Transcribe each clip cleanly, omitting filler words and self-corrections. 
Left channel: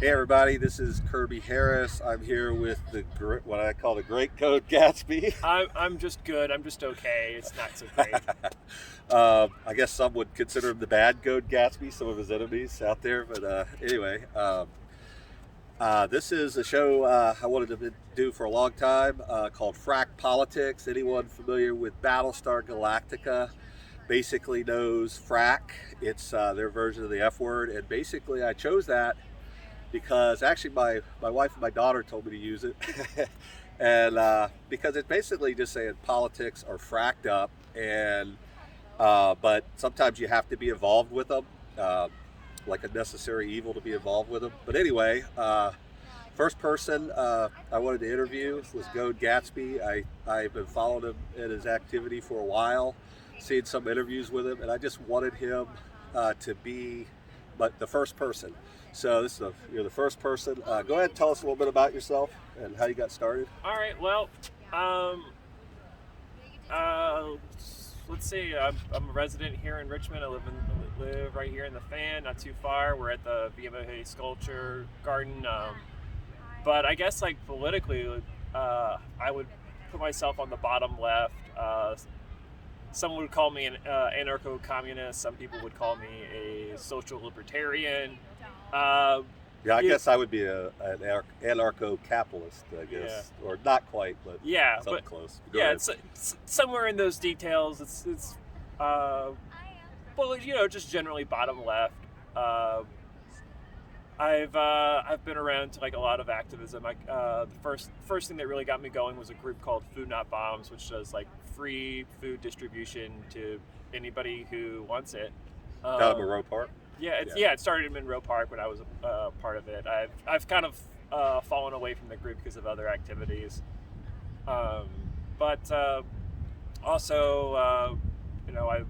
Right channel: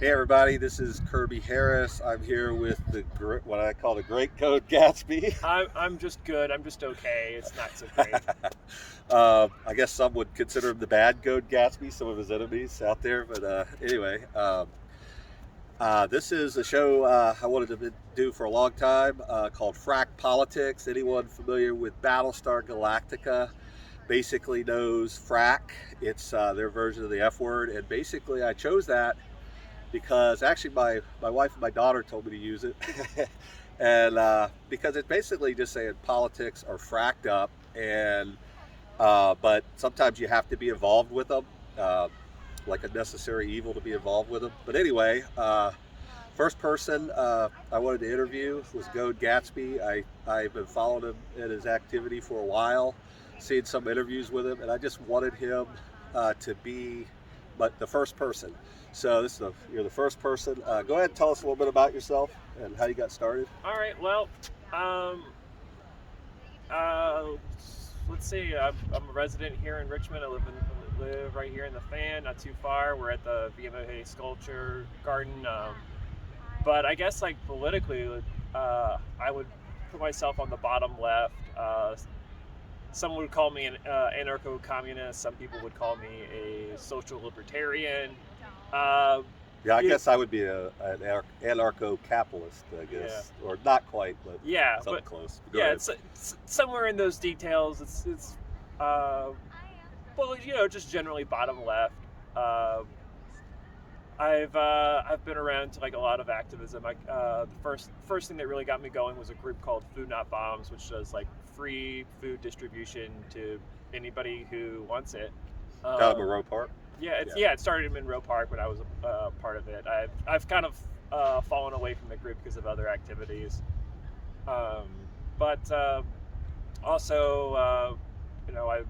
Hey everybody, this is Kirby Harris. I'm here with what I call the great Goad Gatsby. I'm just good. I'm just okay. It's not so great. I guess some would consider him the bad Goad Gatsby, some of his enemies out there. But anyway, this is a show I wanted to do for a long time called Frak Politics. Anyone familiar with Battlestar Galactica basically knows Frak. It's their version of the F word, and basically I chose that because actually my wife and my daughter told me to use it. And because it's basically just saying politics are fracked up, and but sometimes you have to be involved with them, like a necessary evil to be involved with them. But anyway, first person I wanted to interview was Goad Gatsby. I've been following him in his activity for a while, seen some interviews with him, and I just wanted him to be the first person. So you're the first person. Go ahead and tell us a little bit about yourself and how you got started. All right. Well, let's see. I'm a resident here in Richmond. I live right here in the Fan, not too far. We're at the VMA Sculpture Garden. But I guess like politically, I would put myself on the bottom left. Some would call me an anarcho-communist. Some people would call me a social libertarian. Yeah, I guess I would be an anarcho-capitalist, I guess, Yeah. or not quite, but something but close. It's somewhere in those details. It's well, just generally bottom left. I've been around to like a lot of activism. The first thing that really got me going was a group called Food Not Bombs, which does like free food distribution to anybody who wants it. Out of Monroe Park. It started in Monroe Park when I was a part of it. I've kind of fallen away from the group because of other activities, but also I was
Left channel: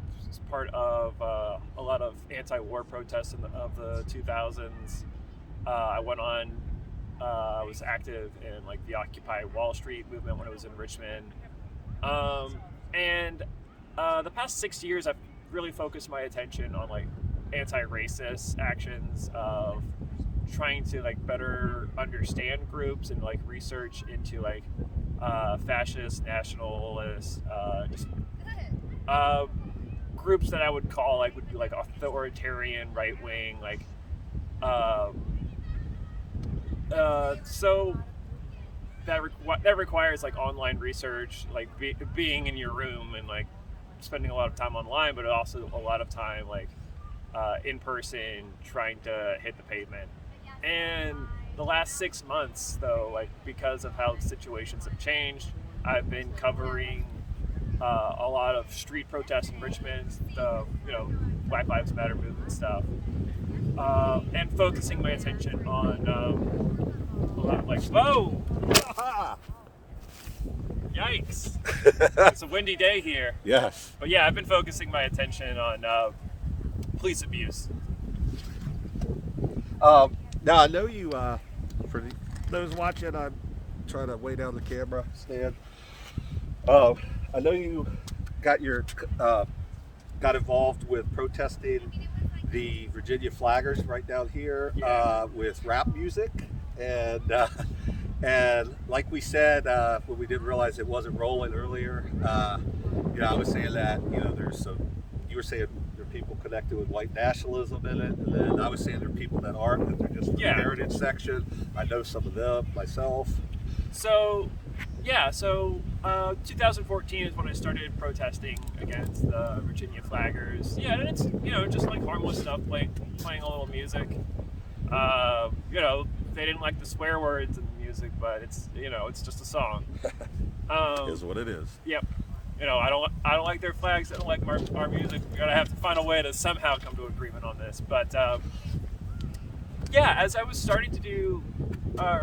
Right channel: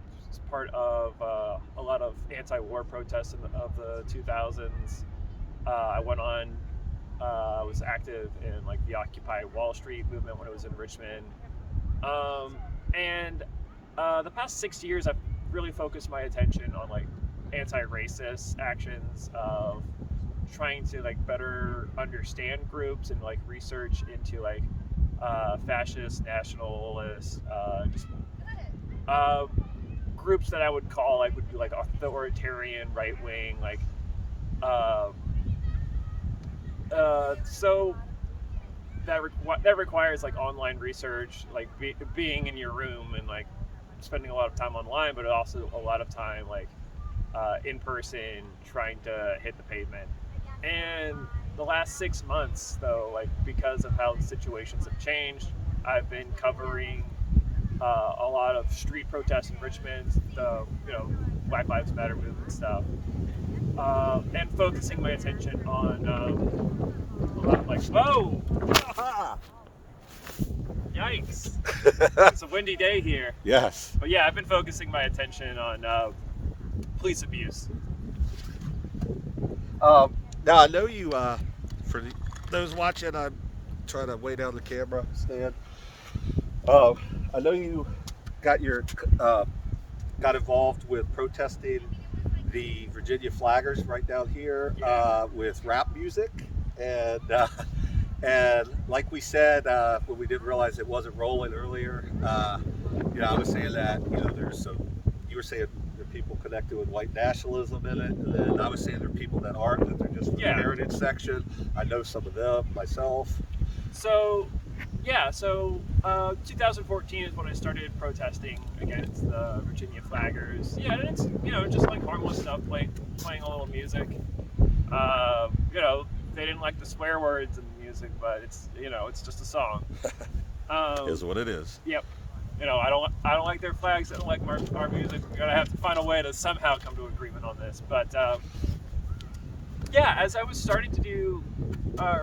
part of a lot of anti-war protests of the 2000s. I went on. I was active in like the Occupy Wall Street movement when I was in Richmond, and the past 6 years I've really focused my attention on like anti-racist actions of trying to like better understand groups and like research into like fascist, nationalist, just groups that I would call like would be like authoritarian, right wing, like so that requires like online research, like being in your room and like spending a lot of time online, but also a lot of time like in person trying to hit the pavement. And the last 6 months though, like because of how situations have changed, I've been covering a lot of street protests in Richmond, the Black Lives Matter movement stuff, and focusing my attention on a lot of like yikes. It's a windy day here. Yes. But yeah, I've been focusing my attention on police abuse. Now I know you. For those watching, I'm trying to weigh down the camera stand. I know you got involved with protesting the Virginia flaggers right down here with rap music, and like we said when we didn't realize it wasn't rolling earlier, I was saying that there's some. You were saying there are people connected with white nationalism in it, and then I was saying there are people that aren't, that they're just in the heritage section. I know some of them myself. So 2014 is when I started protesting against the Virginia flaggers. Yeah, and it's just like harmless stuff, playing a little music. They didn't like the swear words in the music, but it's just a song. Is what it is. Yep. I don't like their flags. I don't like our music. We're gonna have to find a way to somehow come to agreement on this. But as I was starting to do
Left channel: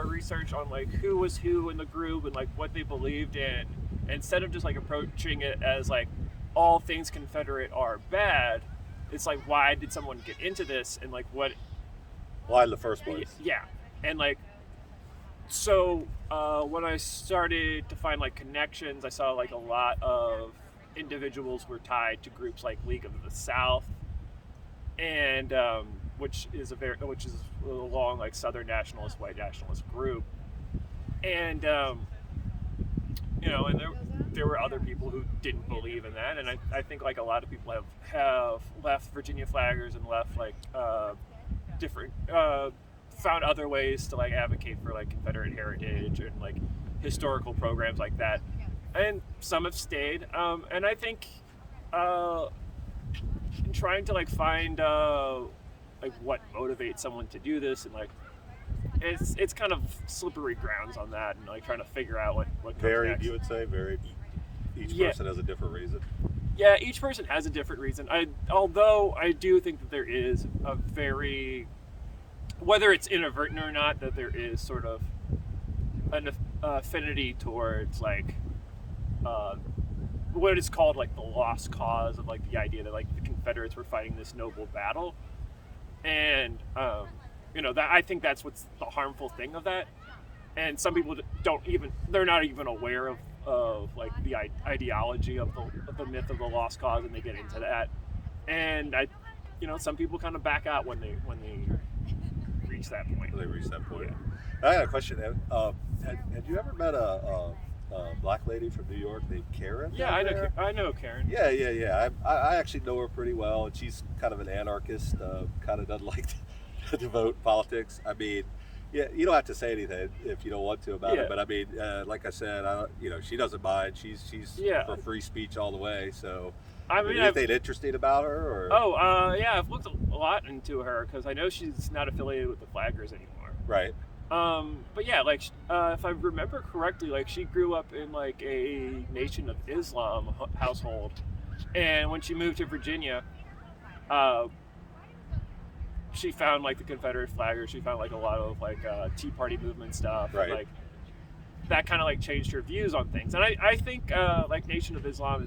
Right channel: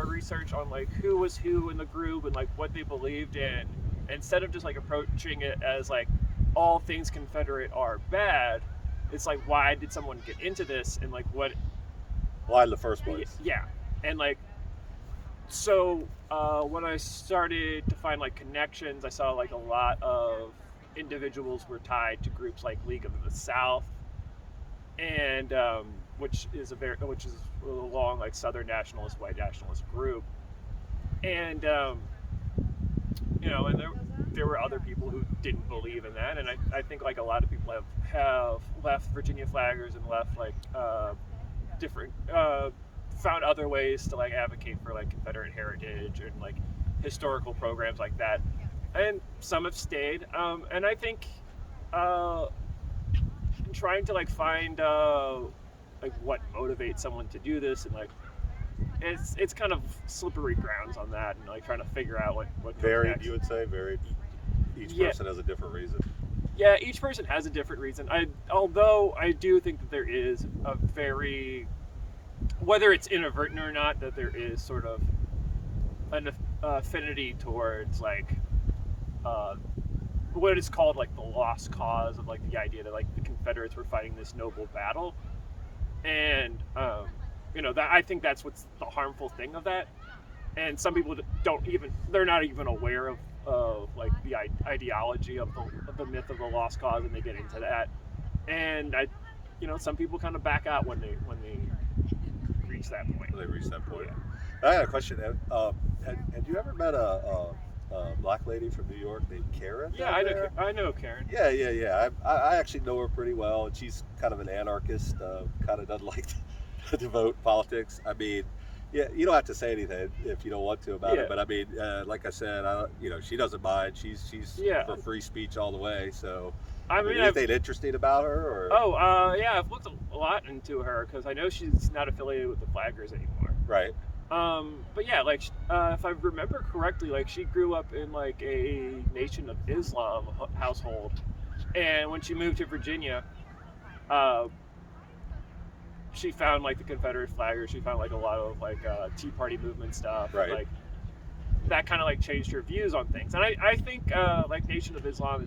research on like who was who in the group and like what they believed in, instead of just like approaching it as like all things Confederate are bad, it's like why did someone get into this and like why in the first place? Yeah, and like so when I started to find like connections, I saw like a lot of individuals were tied to groups like League of the South, and which is a long like Southern nationalist, white nationalist group, and and there were other people who didn't believe in that, and I think like a lot of people have left Virginia flaggers and left like different found other ways to like advocate for like Confederate heritage and like historical programs like that, and some have stayed, and I think trying to like find like what motivates someone to do this, and like it's kind of slippery grounds on that, and like trying to figure out what comes Varied, next. you would say, varied. Each person has a different reason. Yeah, each person has a different reason. Although I do think that there is a very, whether it's inadvertent or not, that there is sort of an affinity towards like what is called like the lost cause, of like the idea that like the Confederates were fighting this noble battle, and that I think that's what's the harmful thing of that. And some people they're not even aware of like the ideology of the myth of the lost cause, and they get into that. And some people kind of back out when they reach that point. When they reach that point. I had a question. Had you ever met a black lady from New York named Karen? Yeah, I know Karen. Yeah. I actually know her pretty well, and she's kind of an anarchist. Kind of doesn't like to devote politics. I mean, yeah, you don't have to say anything if you don't want to about it. But I mean, like I said, she doesn't mind. She's for free speech all the way. So, I mean, anything interesting about her? Or? I've looked a lot into her because I know she's not affiliated with the Flaggers anymore. Right. But yeah, like if I remember correctly, like she grew up in like a Nation of Islam household, and when she moved to Virginia, she found like the Confederate flaggers. She found like a lot of like Tea Party movement stuff. Right. And, like that kind of like changed her views on things. And I think like Nation of Islam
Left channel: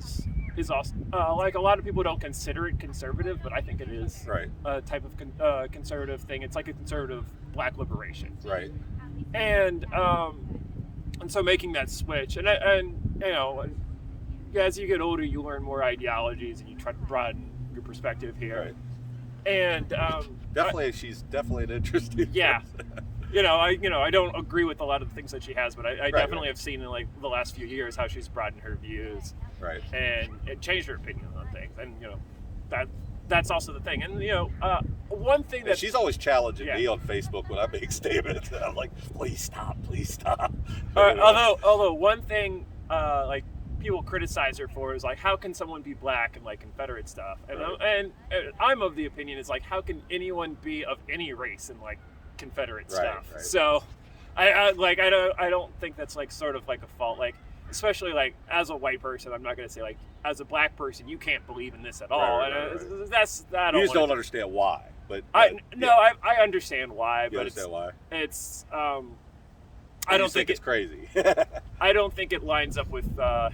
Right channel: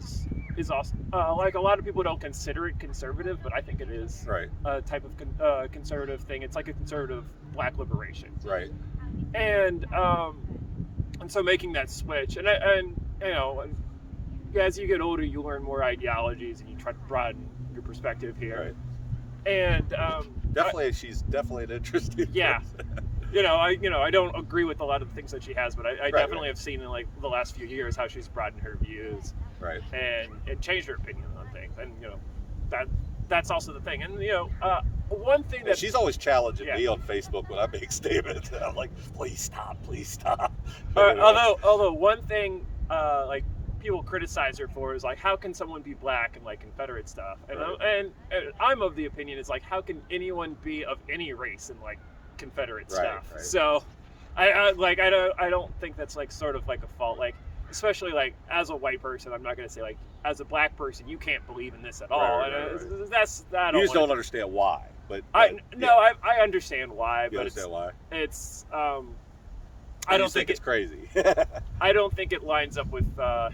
is also like a lot of people don't consider it conservative, but I think it is a type of conservative thing. It's like a conservative black liberation. Right. And so making that switch, and as you get older, you learn more ideologies and you try to broaden your perspective here. Right. And she's definitely an interesting person. I don't agree with a lot of the things that she has, but I definitely have seen in like the last few years how she's broadened her views, and changed her opinion on things, and that's also the thing. And one thing that she's always challenging me on Facebook when I make statements, and I'm like, please stop. Although one thing like people criticize her for is like, how can someone be black and like Confederate stuff? And I'm of the opinion is like, how can anyone be of any race and like Confederate stuff? Right. So I don't think that's like sort of like a fault, like especially like as a white person. I'm not going to say like as a black person you can't believe in this at all. That's that. You just don't understand why. But I understand why. You understand why? It's I don't think it's crazy. I don't think it lines up with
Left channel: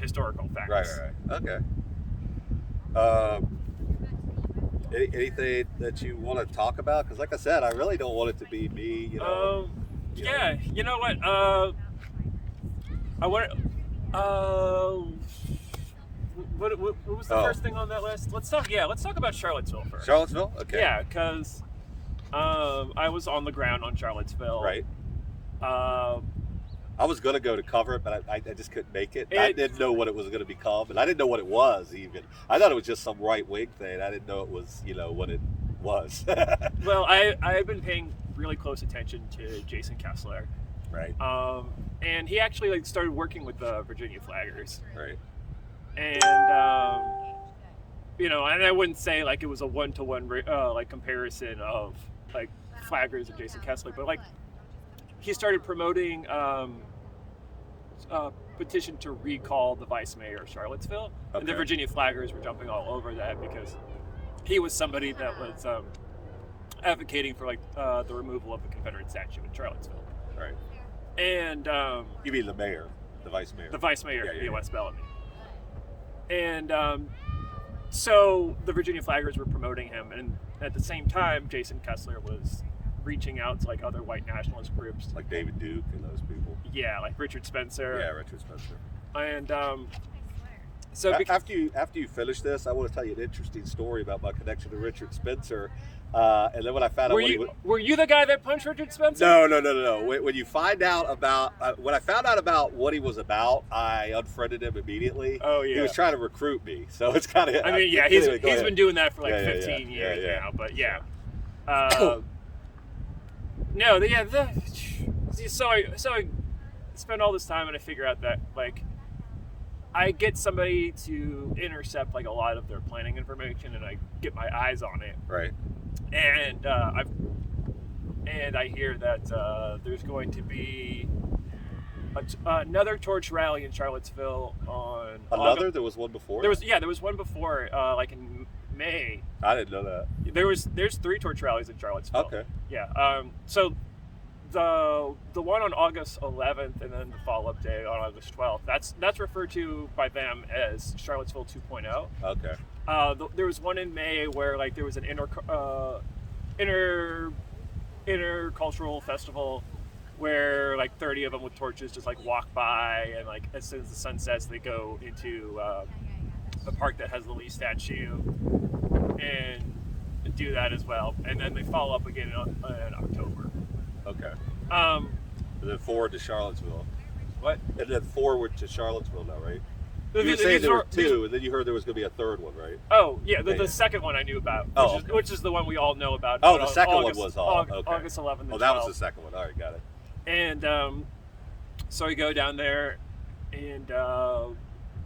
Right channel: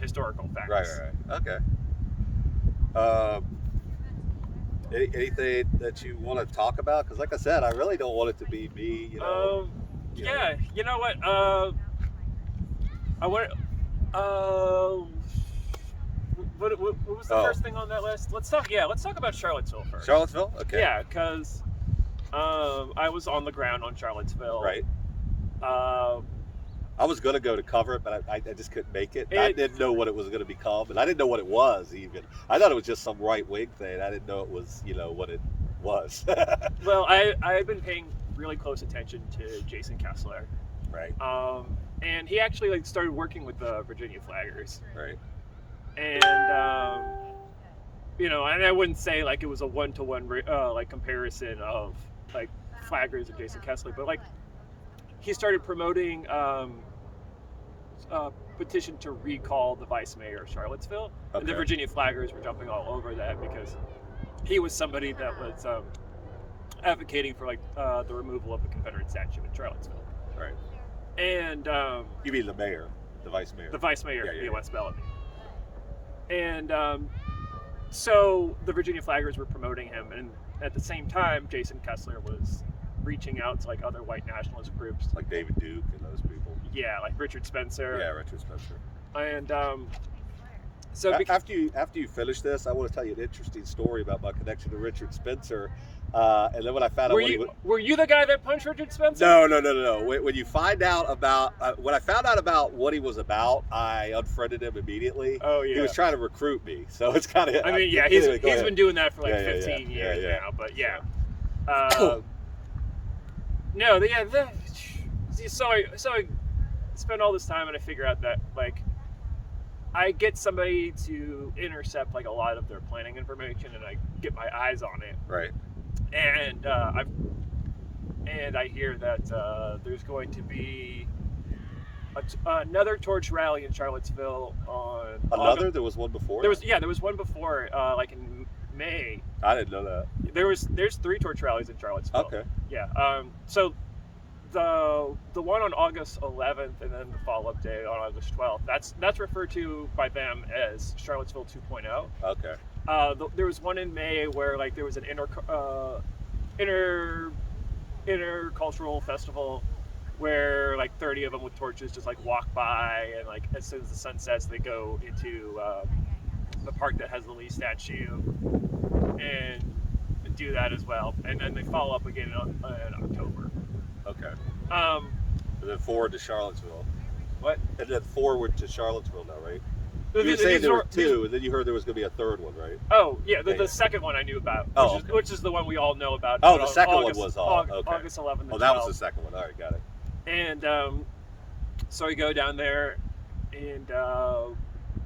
historical facts. Right. Okay. Anything that you want to talk about? Because, like I said, I really don't want it to be me. You know. You know what? I want. What was the first thing on that list? Let's talk about Charlottesville first. Charlottesville? Okay. Yeah, because I was on the ground on Charlottesville. Right. I was going to go to cover it, but I just couldn't make it. I didn't know what it was going to become, and I didn't know what it was even. I thought it was just some right-wing thing. I didn't know it was, what it was. Well, I had been paying really close attention to Jason Kessler. Right. And he actually started working with the Virginia Flaggers. Right. And, and I wouldn't say like it was a one-to-one comparison of like Flaggers and Jason Kessler, but like he started promoting a petition to recall the vice mayor of Charlottesville. Okay. And the Virginia Flaggers were jumping all over that because he was somebody that was advocating for like the removal of the Confederate statue in Charlottesville. Right. And you mean the mayor, the vice mayor? The vice mayor, West Bellamy. And so the Virginia Flaggers were promoting him, and at the same time, Jason Kessler was reaching out to like other white nationalist groups, like David Duke and those people. Yeah, like Richard Spencer. Yeah, Richard Spencer. And So after you finish this, I want to tell you an interesting story about my connection to Richard Spencer. And then when I found out were you the guy that punched Richard Spencer? No. When you find out about when I found out about what he was about, I unfriended him immediately. Oh yeah, he was trying to recruit me, so it's kind of. I mean, yeah, he's been doing that for like 15 years now. But yeah, no, so I spend all this time and I figure out that like I get somebody to intercept like a lot of their planning information and I get my eyes on it. Right. And I hear that there's going to be another torch rally in Charlottesville on another. There was one before. There was one before, like in May. I didn't know that. There's 3 torch rallies in Charlottesville. Okay. Yeah. So the one on August 11th and then the follow-up day on August 12th. That's referred to by them as Charlottesville 2.0. Okay. There was one in May where like there was an intercultural festival where like 30 of them with torches just like walk by, and like as soon as the sun sets they go into the park that has the Lee statue and do that as well, and then they follow up again in October. Okay. And then forward to Charlottesville. What? And then forward to Charlottesville now, right? You were saying there were 2, and then you heard there was going to be a 3rd one, right? Oh, yeah, the second one I knew about, which is the one we all know about. Oh, the second one was okay. August 11th and 12th. Oh, that was the second one. All right, got it. And so we go down there, and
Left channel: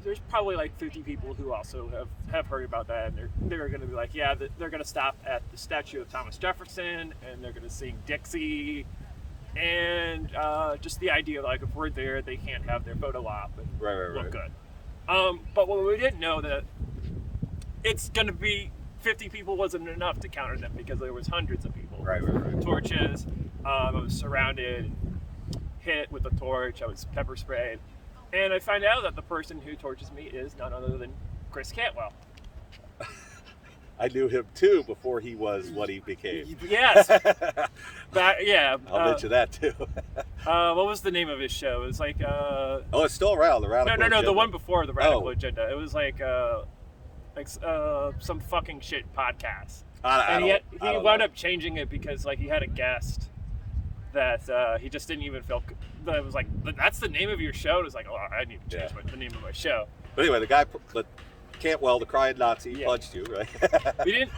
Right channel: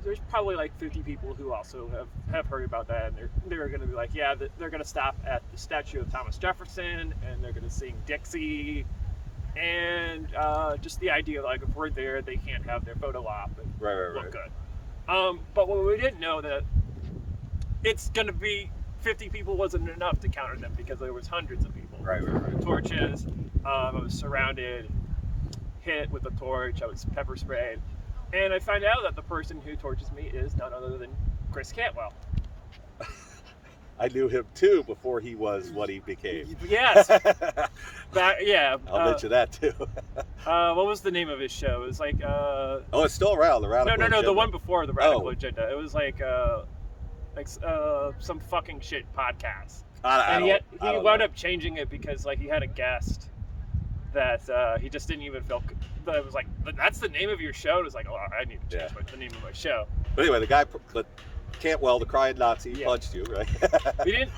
there's probably like 50 people who also have heard about that, and they're going to be like, yeah, they're going to stop at the statue of Thomas Jefferson, and they're going to sing Dixie, and just the idea like if we're there, they can't have their photo op and look good. But what we didn't know that it's going to be 50 people wasn't enough to counter them because there was hundreds of people. Right. Torches. I was surrounded, hit with a torch. I was pepper sprayed. And I find out that the person who torches me is none other than Chris Cantwell. I knew him too before he was what he became. Yes. I'll mention that too. What was the name of his show? It was like. It's still around. The Radical Agenda. No. The one before the Radical Agenda. It was like some fucking shit podcast. He wound up changing it because like he had a guest that he just didn't even feel. It was like, that's the name of your show. And it was like, oh, I need to change the name of my show. But anyway, the guy, Cantwell, the crying Nazi, punched you, right?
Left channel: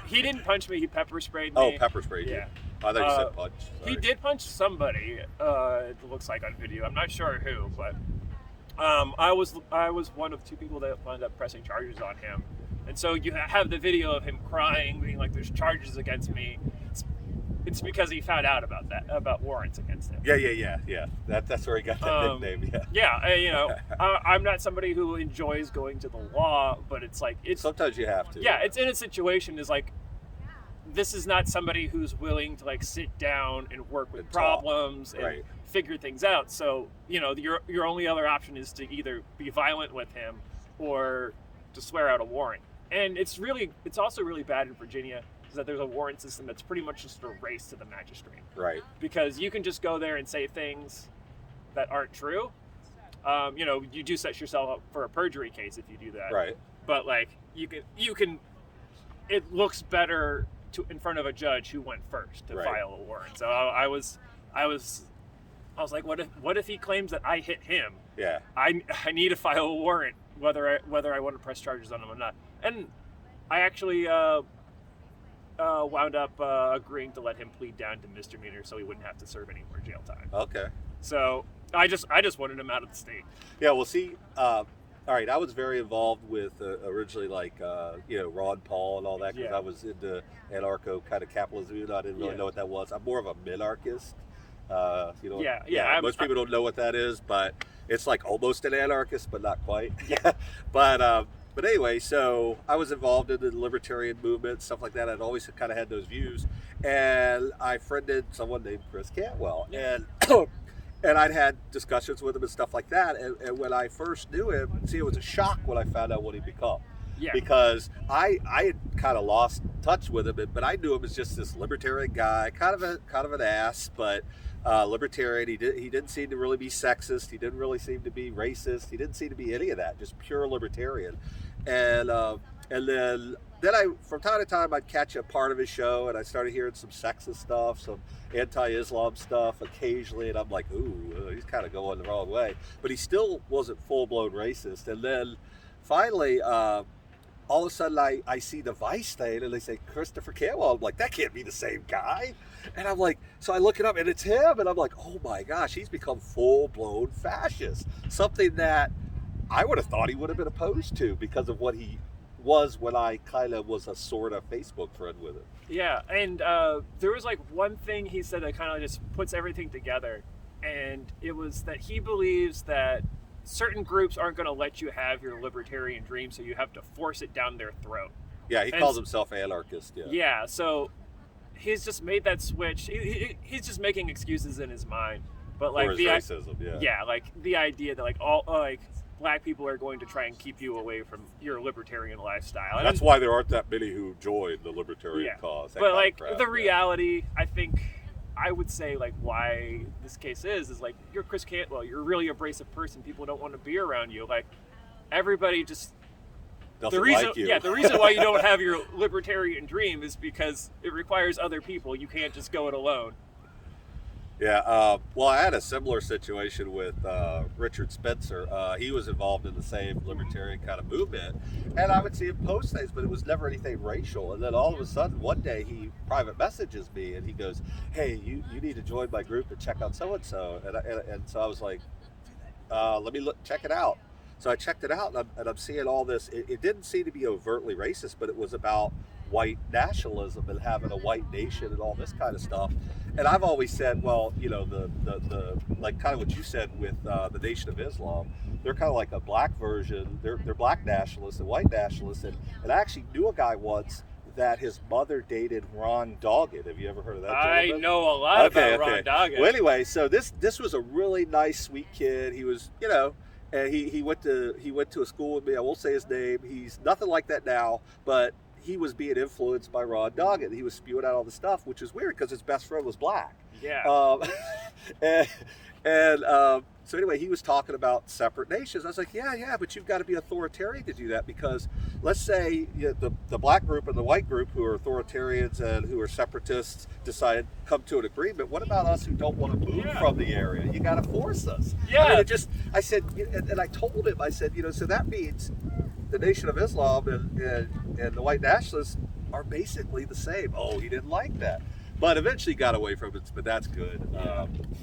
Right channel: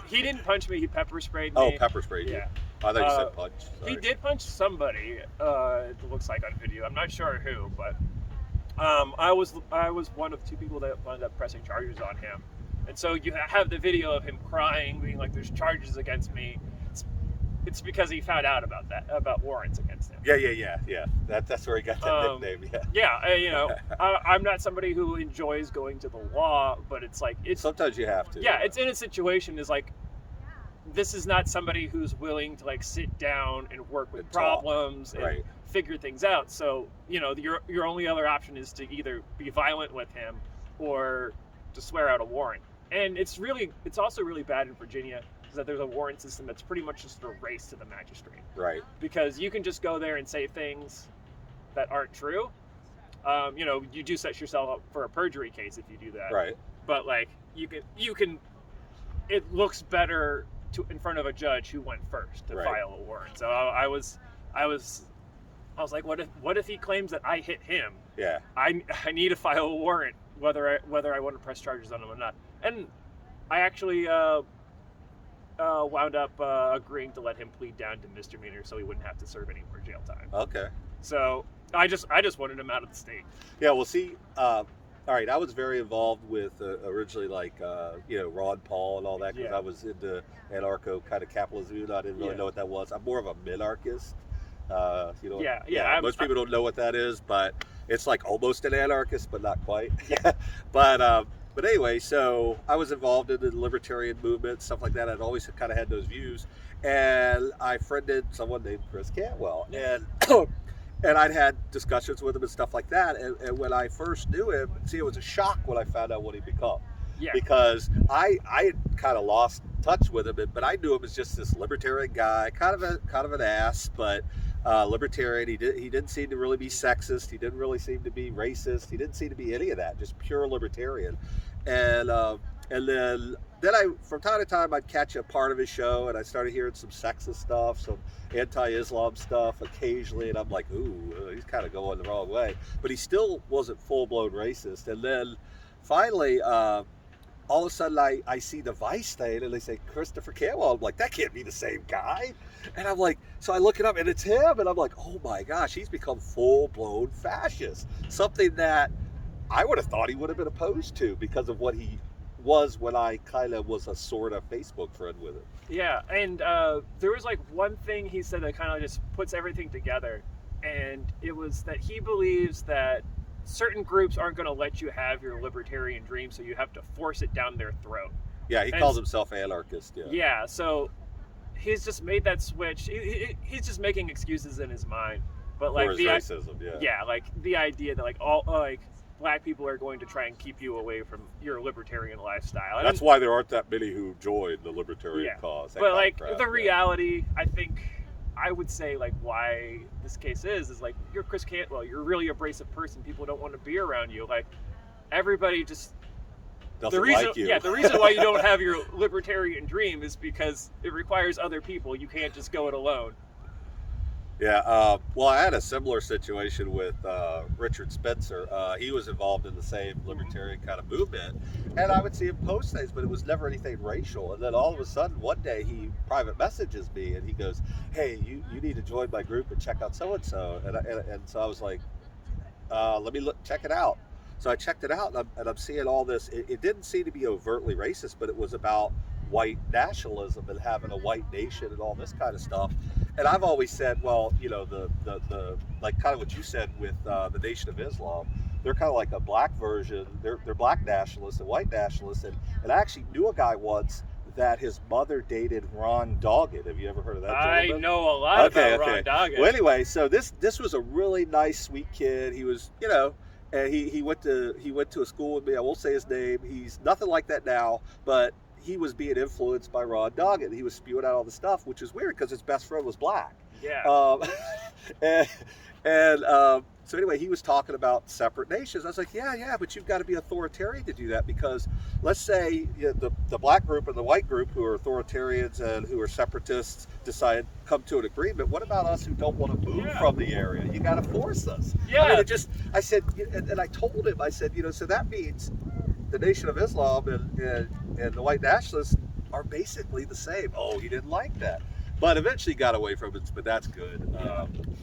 He didn't punch me. He pepper sprayed me. Oh, pepper sprayed you. I thought you said punch. Sorry. He did punch somebody. It looks like on video. I'm not sure who, but I was one of 2 people that wound up pressing charges on him. And so you have the video of him crying, being like, "There's charges against me." It's because he found out about warrants against him. Yeah. That's where he got that nickname. I'm not somebody who enjoys going to the law, but it's like sometimes you have to. Yeah, it's in a situation is like this is not somebody who's willing to like sit down and work with problems and figure things out. So your only other option is to either be violent with him or to swear out a warrant. And it's also really bad in Virginia is that there's a warrant system that's pretty much just a race to the magistrate. Right. Because you can just go there and say things that aren't true. You do set yourself up for a perjury case if you do that. Right. But like you can it looks better in front of a judge who went first to file a warrant. So I was like, what if he claims that I hit him? Yeah. I need to file a warrant whether I want to press charges on him or not. And I actually wound up agreeing to let him plead down to misdemeanor so he wouldn't have to serve any more jail time. Okay. So I just wanted him out of the state. Yeah. Well, see. All right, I was very involved with originally like Ron Paul and all that because I was into anarcho kind of capitalism. Even though I didn't really know what that was. I'm more of a minarchist. Most people don't know what that is, but it's like almost an anarchist, but not quite. Yeah. But anyway, so I was involved in the libertarian movement, stuff like that. I'd always kind of had those views, and I friended someone named Chris Cantwell, and I'd had discussions with him and stuff like that. And when I first knew him, it was a shock when I found out what he'd become. Yeah. Because I had kind of lost touch with him, but I knew him as just this libertarian guy, kind of an ass, but libertarian. He didn't seem to really be sexist. He didn't really seem to be racist. He didn't seem to be any of that. Just pure libertarian. And then I from time to time I'd catch a part of his show, and I started hearing some sexist stuff, some anti-Islam stuff occasionally, and I'm like, ooh, he's kind of going the wrong way. But he still wasn't full-blown racist. And then finally, all of a sudden I see the Vice thing, and they say Christopher Cantwell. I'm like, that can't be the same guy. And I'm like, so I look it up, and it's him, and I'm like, oh my gosh, he's become full-blown fascist. Something that I would have thought he would have been opposed to because of what he was when I kind of was a sort of Facebook friend with him. Yeah, and there was like one thing he said that kind of just puts everything together, and it was that he believes that certain groups aren't going to let you have your libertarian dream, so you have to force it down their throat. Yeah, he calls himself anarchist. Yeah. Yeah, so he's just made that switch. He's just making excuses in his mind, but like for his racism. Yeah. Yeah, like the idea that like all like black people are going to try and keep you away from your libertarian lifestyle. That's why there aren't that many who join the libertarian cause. But like the reality, I think I would say like why this case is like you're Chris Cantwell, you're a really abrasive person. People don't want to be around you. Like everybody just doesn't like you. Yeah, the reason why you don't have your libertarian dream is because it requires other people. You can't just go it alone. Yeah, well, I had a similar situation with Richard Spencer. He was involved in the same libertarian kind of movement, and I would see him post things, but it was never anything racial. And then all of a sudden, one day, he private messages me, and he goes, hey, you need to join my group and check out so-and-so. And so I was like, let me check it out. So I checked it out, and I'm seeing all this. It didn't seem to be overtly racist, but it was about white nationalism and having a white nation and all this kind of stuff. And I've always said, well, you know, the like kind of what you said with the Nation of Islam, they're kind of like a black version. They're black nationalists and white nationalists. And I actually knew a guy once that his mother dated Ron Doggett. Have you ever heard of that gentleman? I know a lot about Ron Doggett. Well, anyway, so this was a really nice, sweet kid. He was, you know, and he went to a school with me. I won't say his name. He's nothing like that now, but he was being influenced by Ron Doggett. He was spewing out all the stuff, which was weird because his best friend was black. Yeah. So anyway, he was talking about separate nations. I was like, yeah, but you've got to be authoritarian to do that, because let's say the black group and the white group who are authoritarians and who are separatists come to an agreement. What about us who don't want to move from the area? You got to force us. Yeah. I mean, I said, and I told him, I said, you know, so that means the Nation of Islam and the white nationalists are basically the same. Oh, he didn't like that. But eventually got away from it, but that's good.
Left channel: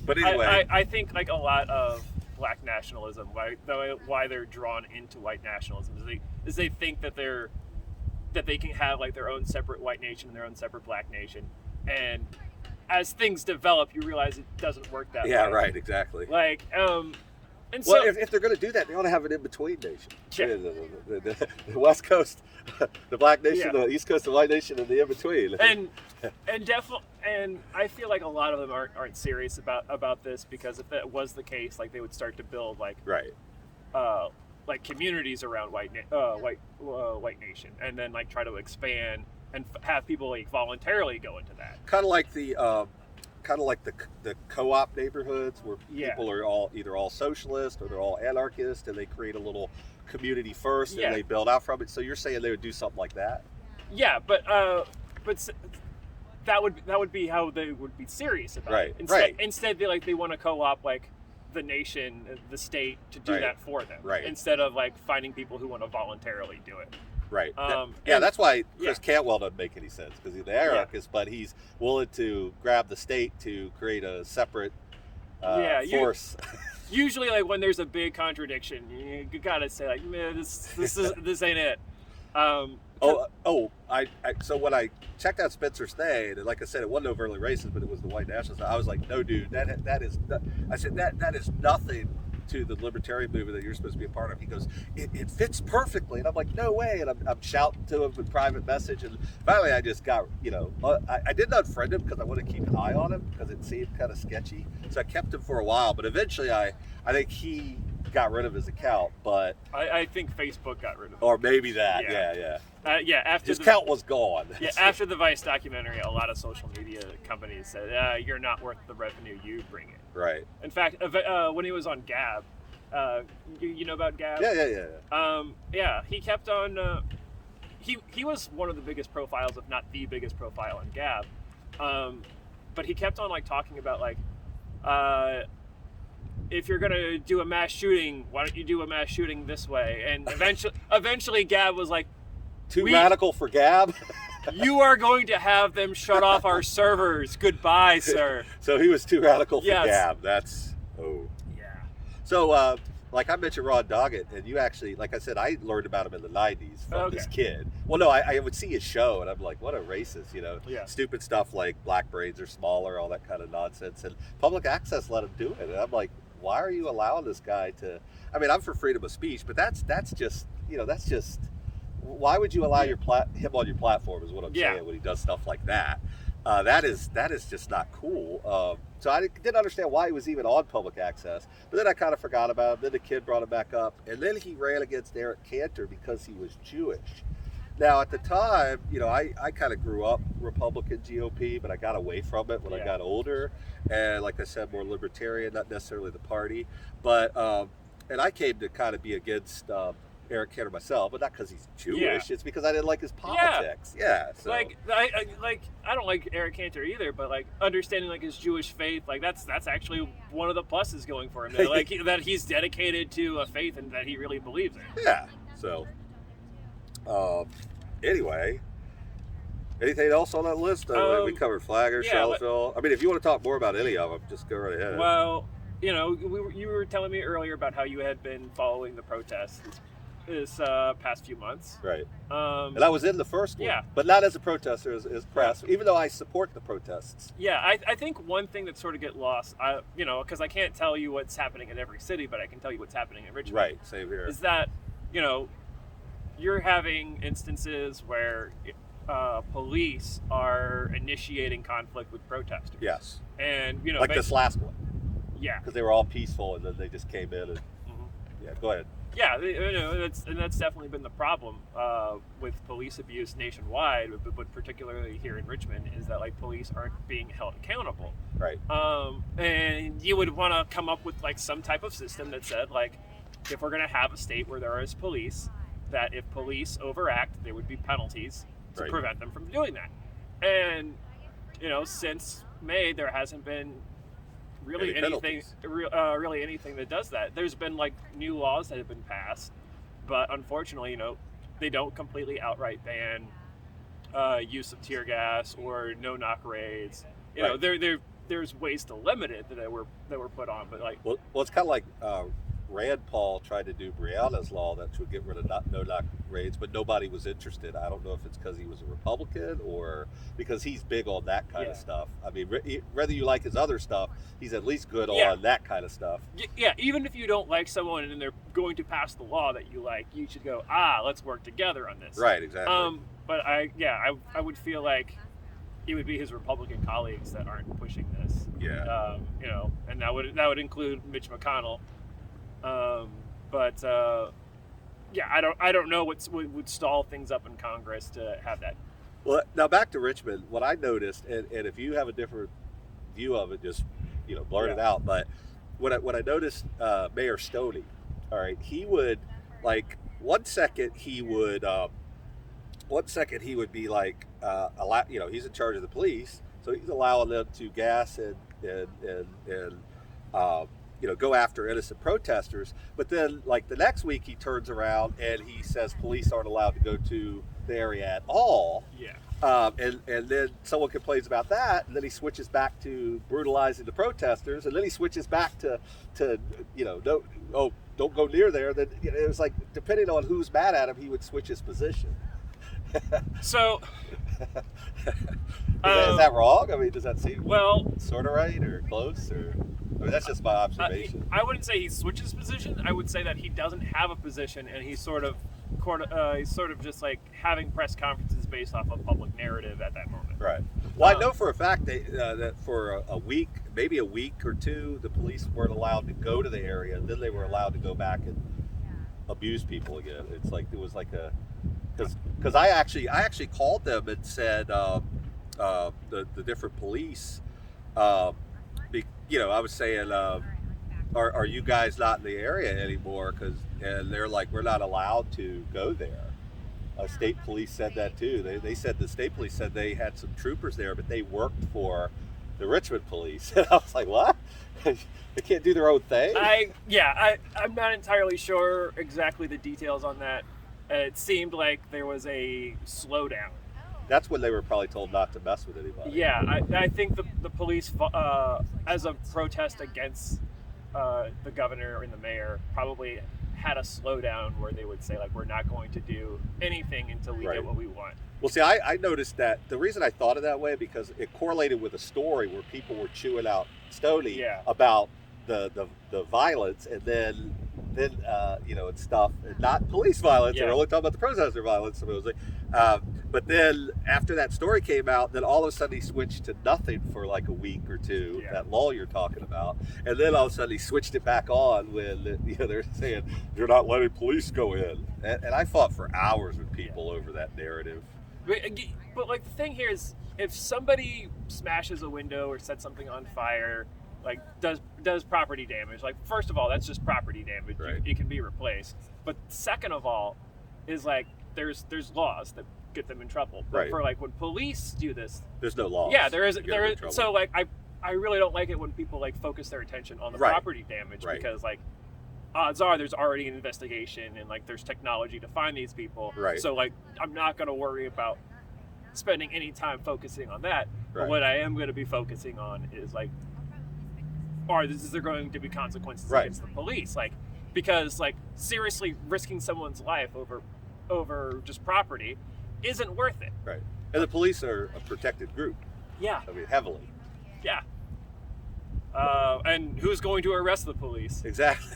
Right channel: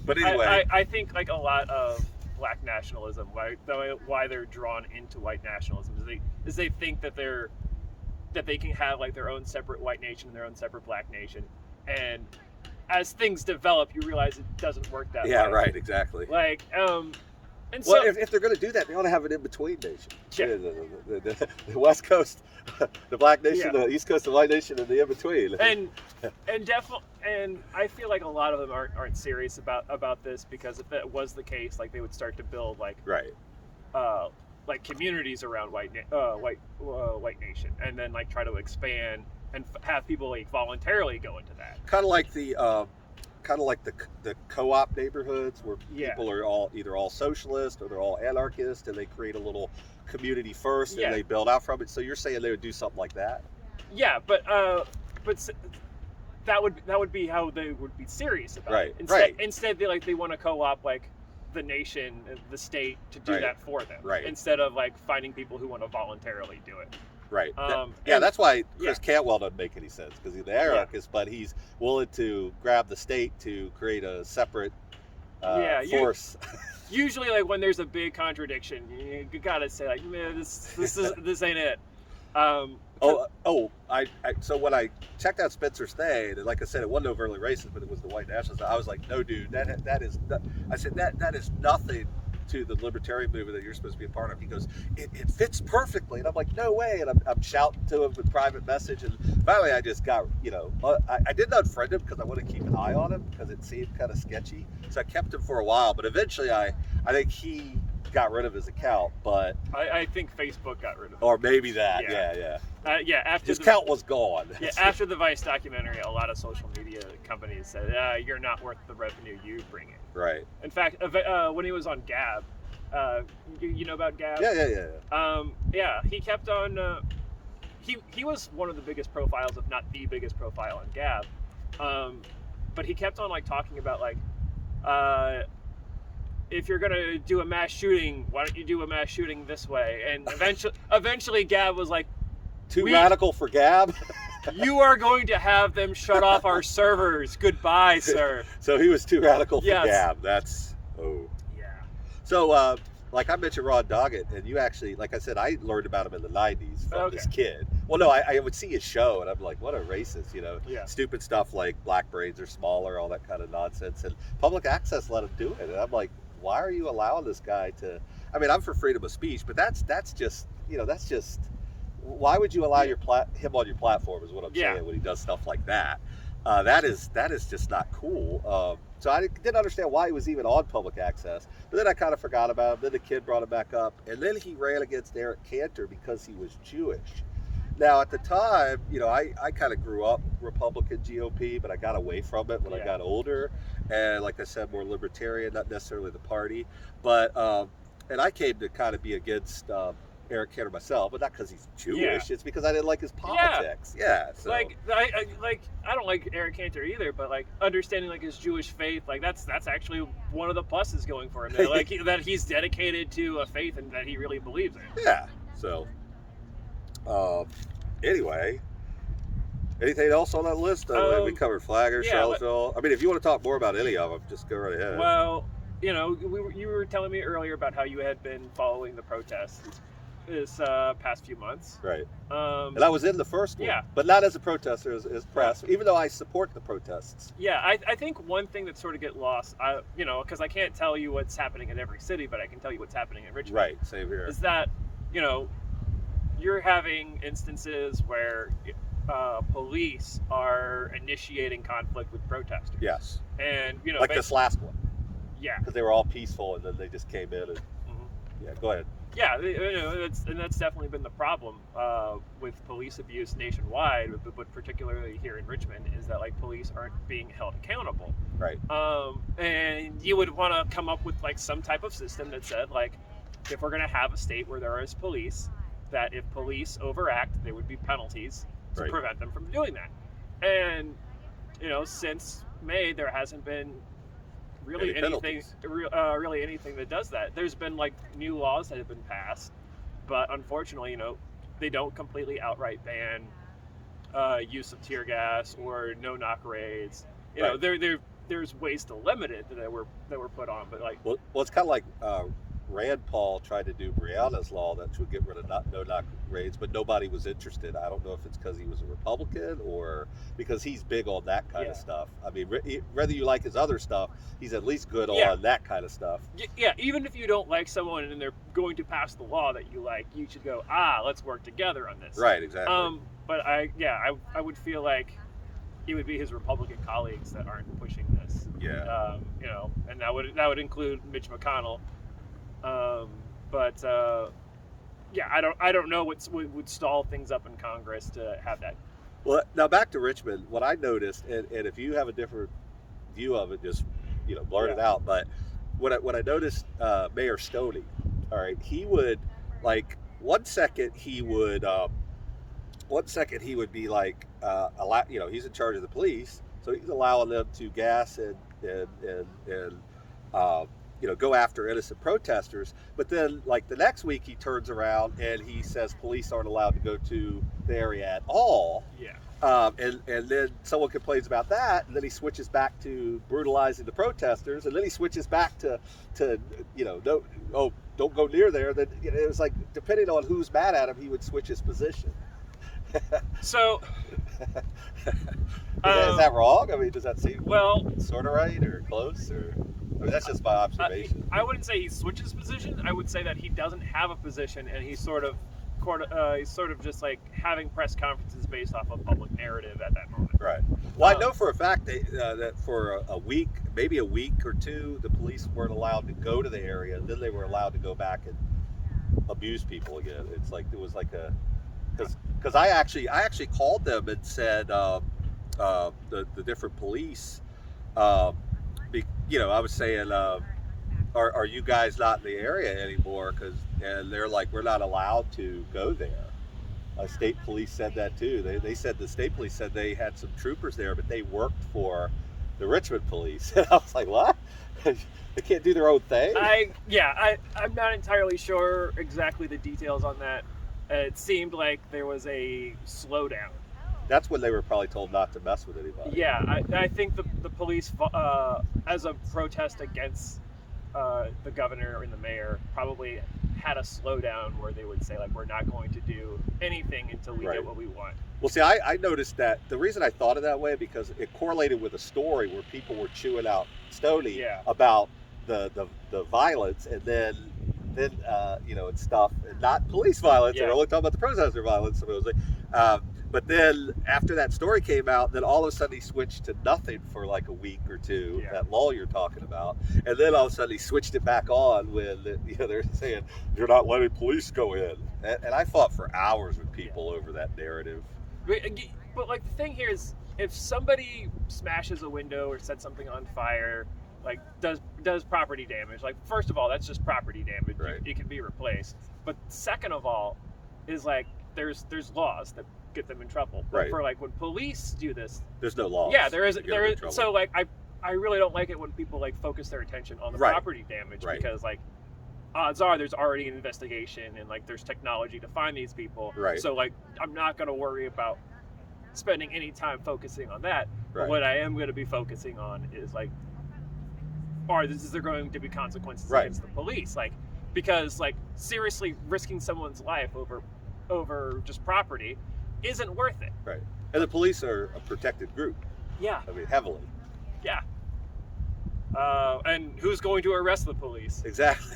But anyway. I think like a lot of black nationalism, why they're drawn into white nationalism is they think that they can have like their own separate white nation and their own separate black nation. And as things develop, you realize it doesn't work that way. Yeah, right, exactly. Like, and well, so, if they're going to do that, they ought to have an in-between nation. Yeah. The West Coast, the black nation, the East Coast, the white nation, and the in-between. And definitely, and I feel like a lot of them aren't serious about this, because if that was the case, like they would start to build like like communities around white nation, and then like try to expand and have people like voluntarily go into that. Kind of like the co-op neighborhoods where people are either all socialist or they're all anarchist, and they create a little community first and they build out from it. So you're saying they would do something like that? Yeah, but that would be how they would be serious about it. Instead, they want to co-op like the nation, the state to do that for them, instead of like finding people who want to voluntarily do it. Right. That's why Chris Cantwell doesn't make any sense, because he's an anarchist, but he's willing to grab the state to create a separate force. Usually, like when there's a big contradiction, you gotta say like, man, this ain't it. So when I checked out Spencer's thing, and like I said, it wasn't overtly racist, but it was the white nationalists. I was like, no, dude, that is nothing to the libertarian movement that you're supposed to be a part of. He goes, it fits perfectly, and I'm like, no way. And I'm shouting to him with private message, and finally I just got, I didn't unfriend him because I wanted to keep an eye on him because it seemed kind of sketchy. So I kept him for a while, but eventually I think he got rid of his account, but I think Facebook got rid of it. Or maybe that, after his account was gone. Yeah, after the Vice documentary, a lot of social media companies said, you're not worth the revenue you bring in. Right. In fact, when he was on Gab, You know about Gab? Yeah. He kept on. He was one of the biggest profiles, if not the biggest profile on Gab. But he kept on like talking about like, if you're gonna do a mass shooting, why don't you do a mass shooting this way? And eventually Gab was like, Too radical for Gab. you are going to have them shut off our servers. Goodbye, sir. So he was too radical for Yes. Gab. Yeah. So, like I mentioned Ron Doggett, and you actually, like I said, I learned about him in the 90s from this kid. Well, no, I would see his show, and I'm like, what a racist, you know? Yeah. Stupid stuff like black brains are smaller, all that kind of nonsense. And public access let him do it. And I'm like, why are you allowing this guy to... I mean, I'm for freedom of speech, but that's just, you know, that's just... Why would you allow him on your platform is what I'm saying when he does stuff like that. That is just not cool. So I didn't understand why he was even on public access. But then I kind of forgot about him. Then the kid brought him back up. And then he ran against Eric Cantor because he was Jewish. Now, at the time, you know, I kind of grew up Republican GOP, but I got away from it when I got older. And like I said, more libertarian, not necessarily the party. But, and I came to kind of be against Eric Cantor myself, but not because he's Jewish. Yeah. It's because I didn't like his politics. So. Like I don't like Eric Cantor either, but like understanding like his Jewish faith, like that's actually one of the pluses going for him. Like that he's dedicated to a faith and that he really believes in. Yeah. So, anyway, anything else on that list? We covered Flagler, Charlottesville. I mean, if you want to talk more about any of them, just go right ahead. Well, you know, you were telling me earlier about how you had been following the protests this past few months. Right. And I was in the first one. Yeah. But not as a protester, as press, even though I support the protests. Yeah, I think one thing that sort of get lost, you know, because I can't tell you what's happening in every city, but I can tell you what's happening in Richmond. Right, same here. Is that, you know, you're having instances where police are initiating conflict with protesters. Yes. And, you know, like this last one. Yeah. Because they were all peaceful and then they just came in and, yeah, go ahead. Yeah, you know, that's definitely been the problem with police abuse nationwide, but particularly here in Richmond, is that like police aren't being held accountable. Right. And you would want to come up with like some type of system that said like, if we're going to have a state where there is police, that if police overact, there would be penalties to prevent them from doing that. And you know, since May, there hasn't been really anything that does that. There's been like new laws that have been passed, but unfortunately, you know, they don't completely outright ban use of tear gas or no-knock raids. You know, there's ways to limit it that were put on, but like well it's kind of like Rand Paul tried to do Breonna's law that would get rid of no-knock raids, but nobody was interested. I don't know if it's because he was a Republican or because he's big on that kind of stuff. I mean, whether you like his other stuff, he's at least good on that kind of stuff. Yeah, even if you don't like someone and they're going to pass the law that you like, you should go, let's work together on this. Right, exactly. But I would feel like it would be his Republican colleagues that aren't pushing this. Yeah. You know, and that would include Mitch McConnell. I don't know what would stall things up in Congress to have that. Well, now back to Richmond. What I noticed, and if you have a different view of it, just blurt it out. But what I noticed, Mayor Stoney, all right, he would like one second he would be like he's in charge of the police, so he's allowing them to gas and go after innocent protesters. But then, like the next week, he turns around and he says police aren't allowed to go to the area at all. Yeah. And then someone complains about that, and then he switches back to brutalizing the protesters, and then he switches back to don't go near there. Then it was like depending on who's mad at him, he would switch his position. So. Is that wrong? I mean, does that seem sort of right or close? Or I mean, that's just my observation. I wouldn't say he switches position. I would say that he doesn't have a position, and he's sort of just like having press conferences based off of public narrative at that moment. Right. Well, I know for a fact that for a week, maybe a week or two, the police weren't allowed to go to the area, and then they were allowed to go back and abuse people again. It's like it was like because I actually called them and said the different police. I was saying are you guys not in the area anymore? And they're like, we're not allowed to go there. State police said that too. They said the state police said they had some troopers there, but they worked for the Richmond police. And I was like, what? They can't do their own thing? I'm not entirely sure exactly the details on that. It seemed like there was a slowdown. That's when they were probably told not to mess with anybody. Yeah, I think the police, as a protest against the governor and the mayor, probably had a slowdown where they would say, like, we're not going to do anything until we get what we want. Well, see, I noticed that the reason I thought of that way, because it correlated with a story where people were chewing out Stoney about the violence, and then and stuff, and not police violence. They're only talking about the protester violence, supposedly. But then after that story came out, then all of a sudden he switched to nothing for like a week or two, that lull you're talking about. And then all of a sudden he switched it back on when they're saying, you're not letting police go in. And I fought for hours with people over that narrative. But like the thing here is, if somebody smashes a window or sets something on fire, like does property damage, like first of all, that's just property damage. Right. It can be replaced. But second of all, is like there's laws that get them in trouble. But for like when police do this, there's no law. Yeah, there is. So like I really don't like it when people like focus their attention on the property damage, because like odds are there's already an investigation and like there's technology to find these people. Right. So like I'm not going to worry about spending any time focusing on that. But what I am going to be focusing on is like, is there going to be consequences against the police? Like, because like seriously risking someone's life over just property isn't worth it. Right. And the police are a protected group. Yeah. I mean, heavily. Yeah. And who's going to arrest the police? Exactly.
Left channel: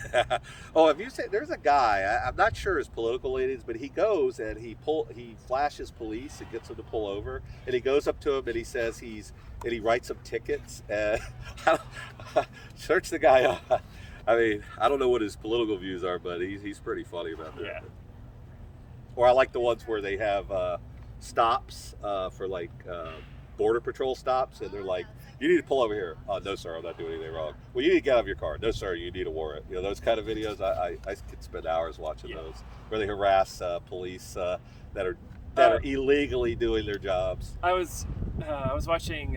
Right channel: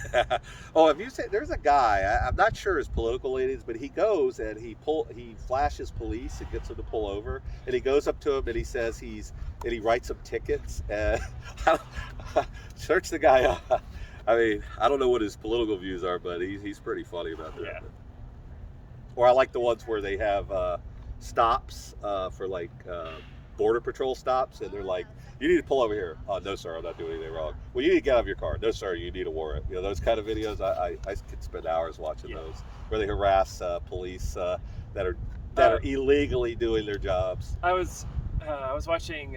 If you say there's a guy, I'm not sure his political leanings, but he goes and he flashes police and gets them to pull over, and he goes up to him and he says he writes them tickets. And search the guy up. I mean, I don't know what his political views are, but he's pretty funny about that. Yeah. Or I like the ones where they have stops for like border patrol stops, and they're like, you need to pull over here. Oh, no, sir, I'm not doing anything wrong. Well, you need to get out of your car. No, sir, you need a warrant. Those kind of videos, I could spend hours watching those, where they harass police that are illegally doing their jobs. I was watching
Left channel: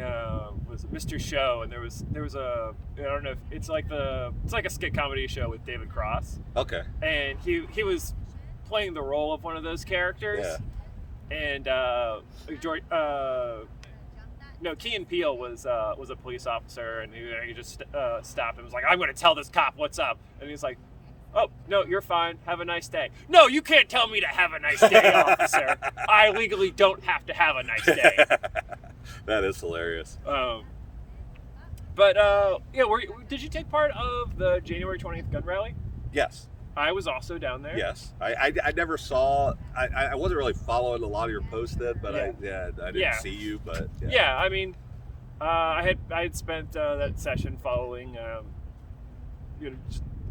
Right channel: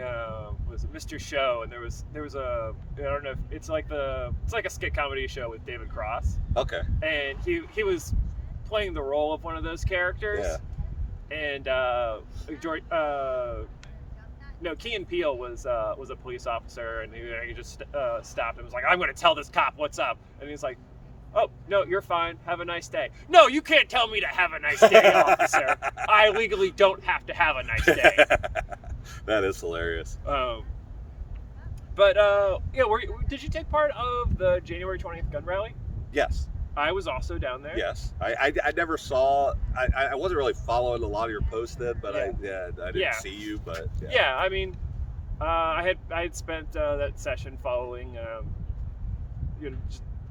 was it Mr. Show, and there was a, I don't know if it's like a skit comedy show with David Cross. Okay. And he was playing the role of one of those characters. Yeah. And Key and Peele was a police officer, and he just stopped and was like, I'm going to tell this cop what's up. And he's like, oh, no, you're fine. Have a nice day. No, you can't tell me to have a nice day, officer. I legally don't have to have a nice day. That is hilarious. Did you take part of the January 20th gun rally? Yes. I was also down there. Yes. I never saw, I wasn't really following a lot of your posts then, but I didn't see you, but yeah. Yeah, I mean, I had spent that session following,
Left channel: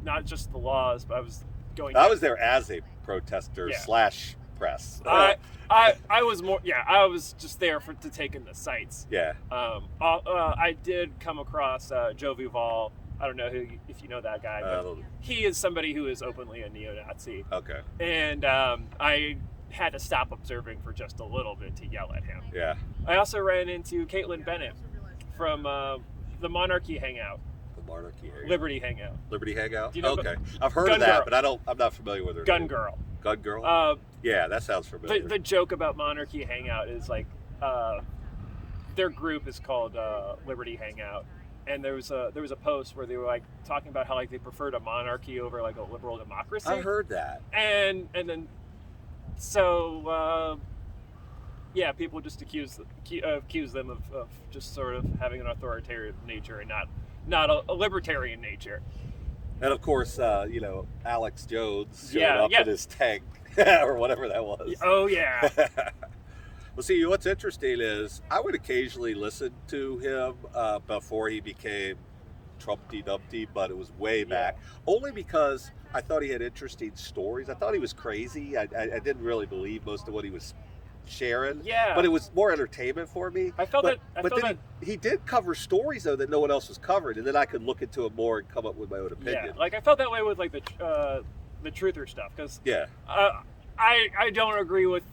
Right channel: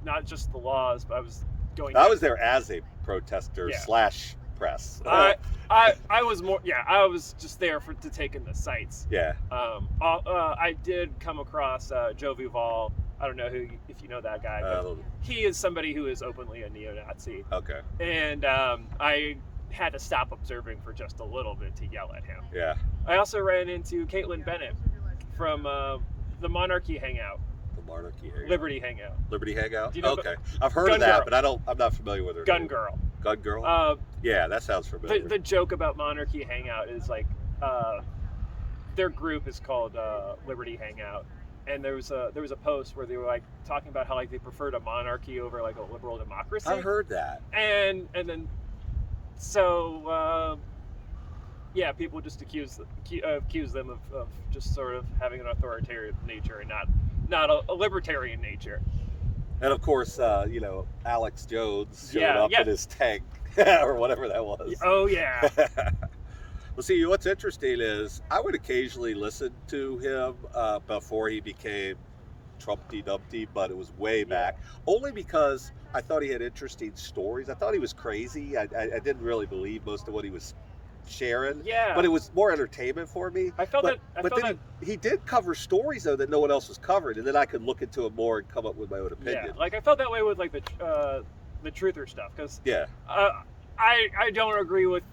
not just the laws, but I was going. I was there as a protester / press. I was more. Yeah, I was just there to take in the sights. Yeah. I did come across Joe Vival. I don't know if you know that guy, but he is somebody who is openly a neo-Nazi. Okay. And I had to stop observing for just a little bit to yell at him. Yeah. I also ran into Caitlin Bennett from the Monarchy Hangout. The Monarchy Hangout. Liberty Hangout. Liberty Hangout? Do you know okay. I've heard of that, but I'm not familiar with her. Gun Girl. Gun Girl? Yeah, that sounds familiar. The joke about Monarchy Hangout is like their group is called Liberty Hangout. And there was a post where they were like talking about how like they preferred a monarchy over like a liberal democracy. I heard that. And then people just accuse them of just sort of having an authoritarian nature and not a libertarian nature. And of course, Alex Jones showed up in his tank or whatever that was. Oh yeah. Well, see, what's interesting is I would occasionally listen to him before he became Trumpty Dumpty, but it was way back. Only because I thought he had interesting stories. I thought he was crazy. I didn't really believe most of what he was sharing. Yeah. But it was more entertainment for me. I felt but, that. But then he did cover stories though that no one else was covering, and then I could look into it more and come up with my own opinion. Yeah, like I felt that way with like the truther stuff because I don't agree with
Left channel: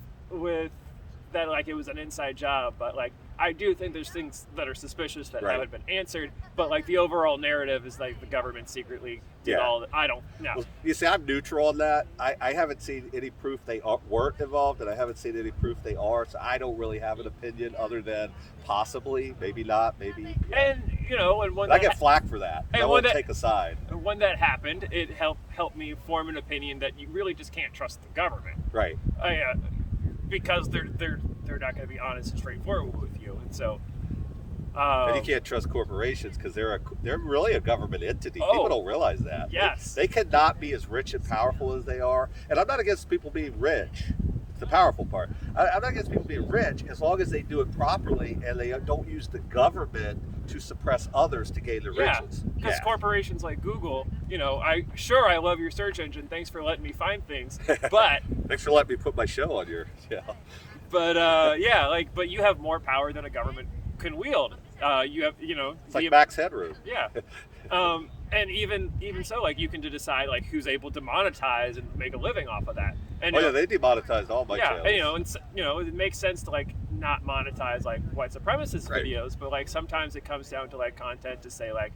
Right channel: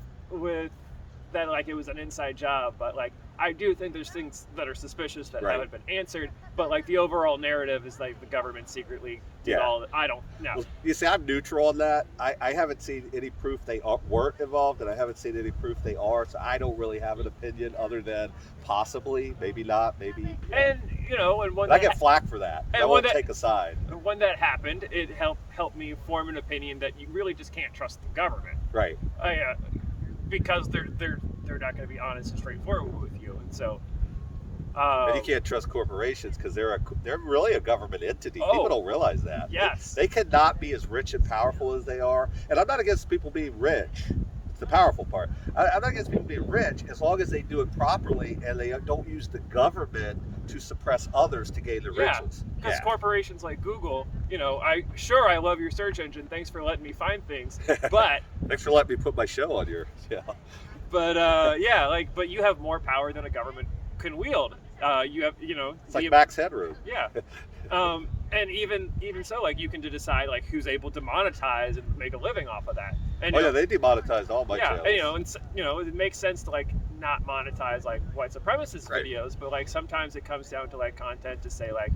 that, like it was an inside job, but like I do think there's things that are suspicious that haven't been answered, but like the overall narrative is like the government secretly did all that. I don't know. Well, you see, I'm neutral on that. I haven't seen any proof they weren't involved, and I haven't seen any proof they are, so I don't really have an opinion other than possibly, maybe not, maybe. And you know, and when I get flack for that. I won't take a side. When that happened, it helped me form an opinion that you really just can't trust the government. Right. Because they're not going to be honest and straightforward with you, and so. And you can't trust corporations because they're really a government entity. People don't realize that. Yes. They cannot be as rich and powerful as they are. And I'm not against people being rich. It's the powerful part. I'm not against people being rich as long as they do it properly and they don't use the government to suppress others to gain the riches. Because corporations like Google, you know, I love your search engine. Thanks for letting me find things. But thanks for letting me put my show on your But but you have more power than a government can wield. You have, you know, it's like Max Headroom. Yeah. And even so, like you can decide like who's able to monetize and make a living off of that. And they demonetized all my channels. And it makes sense to like not monetize like white supremacist videos, but like sometimes it comes down to like content to say like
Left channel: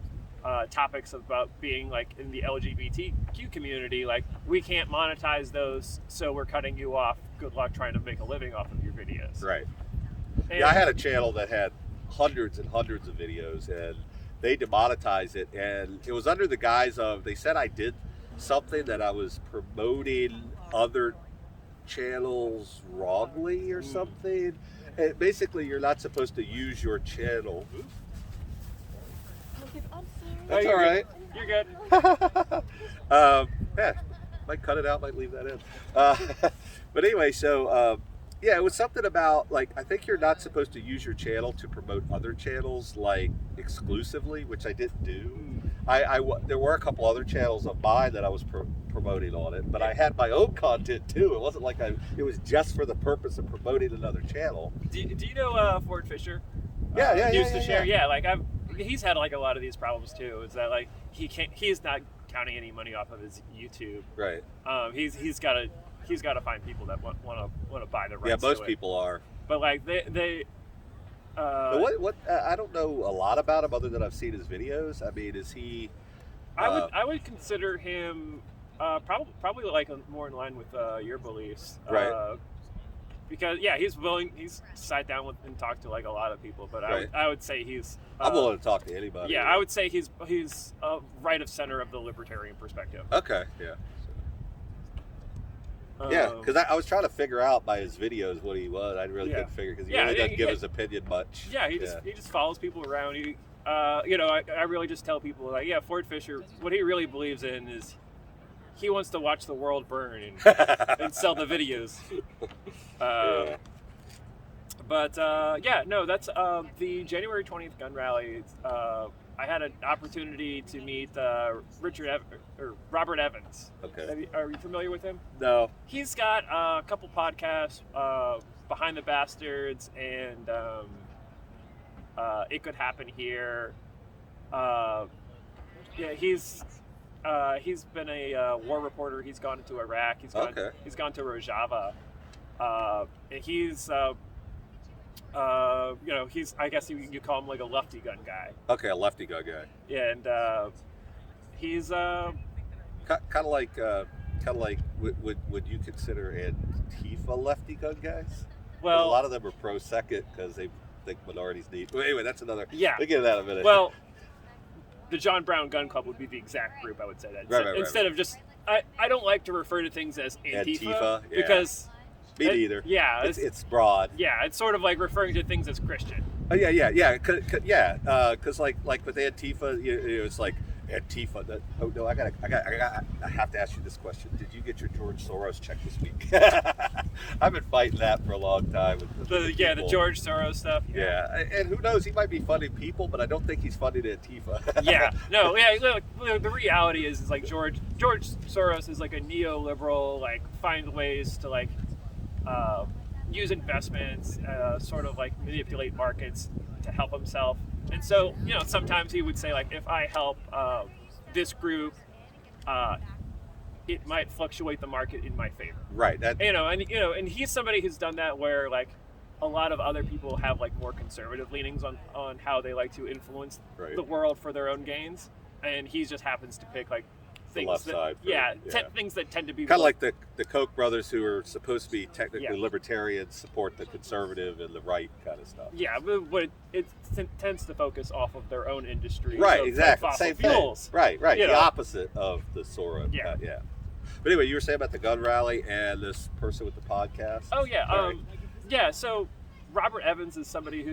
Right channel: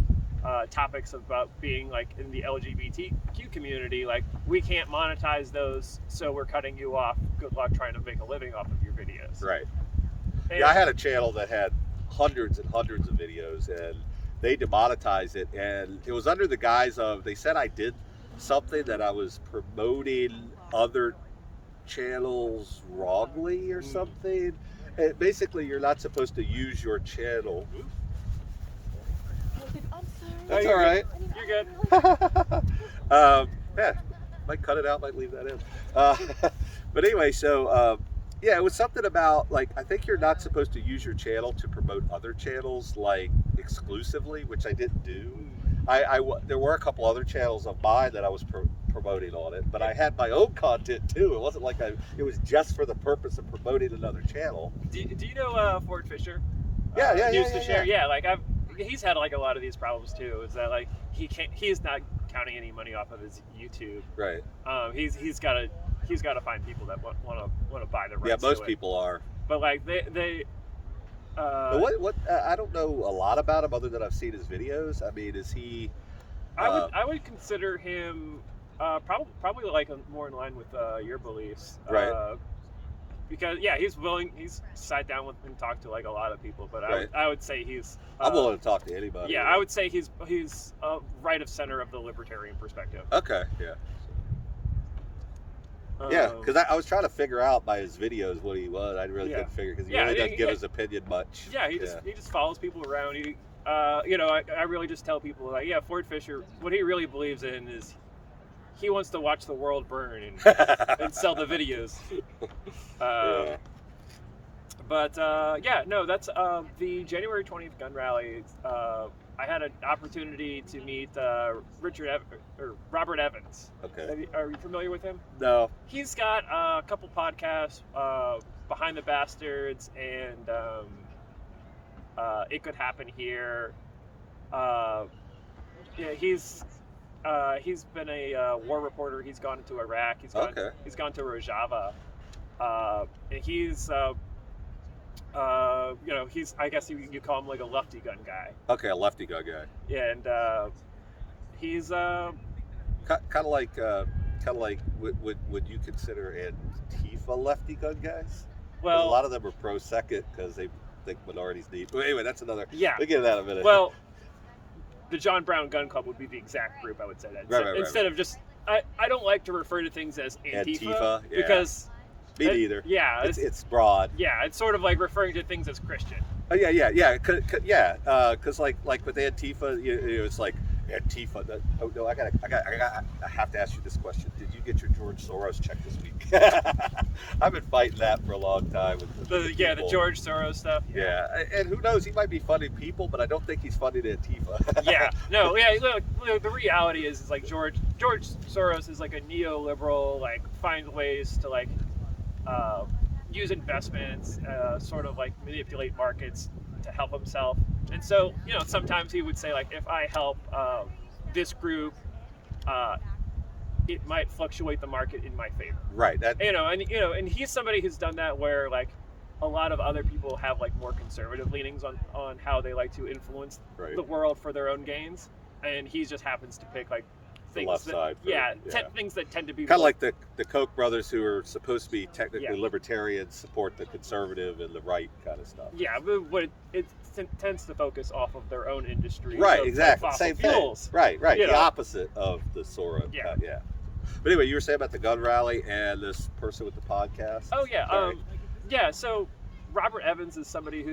topics about being like in the LGBTQ community, like we can't monetize those, so we're cutting you off. Good luck trying to make a living off of your videos. Right. And I had a channel that had hundreds and hundreds of videos, and they demonetized it, and it was under the guise of, they said I did something that I was promoting other channels wrongly or something. And basically, you're not supposed to use your channel. That's all right. You're good. Might cut it out, might leave that in. But anyway, so it was something about like, I think you're not supposed to use your channel to promote other channels like exclusively, which I didn't do. There were a couple other channels of mine that I was promoting on it, but I had my own content too. It wasn't like it was just for the purpose of promoting another channel. Do you know Ford Fisher? Yeah. Like he's had like a lot of these problems too. Is that like he's not counting any money off of his YouTube. Right. He's got to find people that want to buy the rights. Yeah, most people are. But like they. I don't know a lot about him other than I've seen his videos. I mean, is he? I would consider him probably like more in line with your beliefs. Right. Because he's sat down with and talked to like a lot of people, but I would say he's. I'm willing to talk to anybody. Yeah, I would say he's right of center of the libertarian perspective. Okay. Yeah. Yeah, because I was trying to figure out by his videos what he was. I really couldn't figure because he really doesn't give his opinion much. Yeah, he just follows people around. I really just tell people like, Ford Fisher, what he really believes in is he wants to watch the world burn and sell the videos. But that's the January 20th gun rally. I had an opportunity to meet Robert Evans. Okay. Are you familiar with him? No. He's got a couple podcasts, Behind the Bastards and It Could Happen Here. He's been a war reporter. He's gone to Iraq. He's gone to Rojava. I guess you call him like a lefty gun guy. Okay, a lefty gun guy. Yeah, and he's kind of like would you consider Antifa lefty gun guys? Well, a lot of them are pro second because they think minorities need. Well, anyway, that's another. Yeah, we'll get to that in a minute. Well, the John Brown Gun Club would be the exact group I would say that instead of just. I don't like to refer to things as Antifa because. Me neither. Yeah, it's broad. Yeah, it's sort of like referring to things as Christian. Oh yeah. Because like with Antifa, it's like Antifa. I have to ask you this question. Did you get your George Soros check this week? I've been fighting that for a long time. With the George Soros stuff. Yeah, and who knows? He might be funding people, but I don't think he's funding Antifa. Look, the reality is like George Soros is like a neoliberal, like find ways to like. use investments, sort of like manipulate markets to help himself. And so, sometimes he would say like, if I help this group, it might fluctuate the market in my favor. Right. And he's somebody who's done that where like a lot of other people have like more conservative leanings on how they like to influence the world for their own gains, and he just happens to pick like things left side. Things that tend to be kind of like the Koch brothers, who are supposed to be technically libertarians, support the conservative and the right kind of stuff. Yeah, but it tends to focus off of their own industry. Right, of exactly. fossil Same fuels. thing. Right. You The know. opposite of the Sora. Yeah. But anyway, you were saying about the gun rally and this person with the podcast. Oh yeah. Right. So Robert Evans is somebody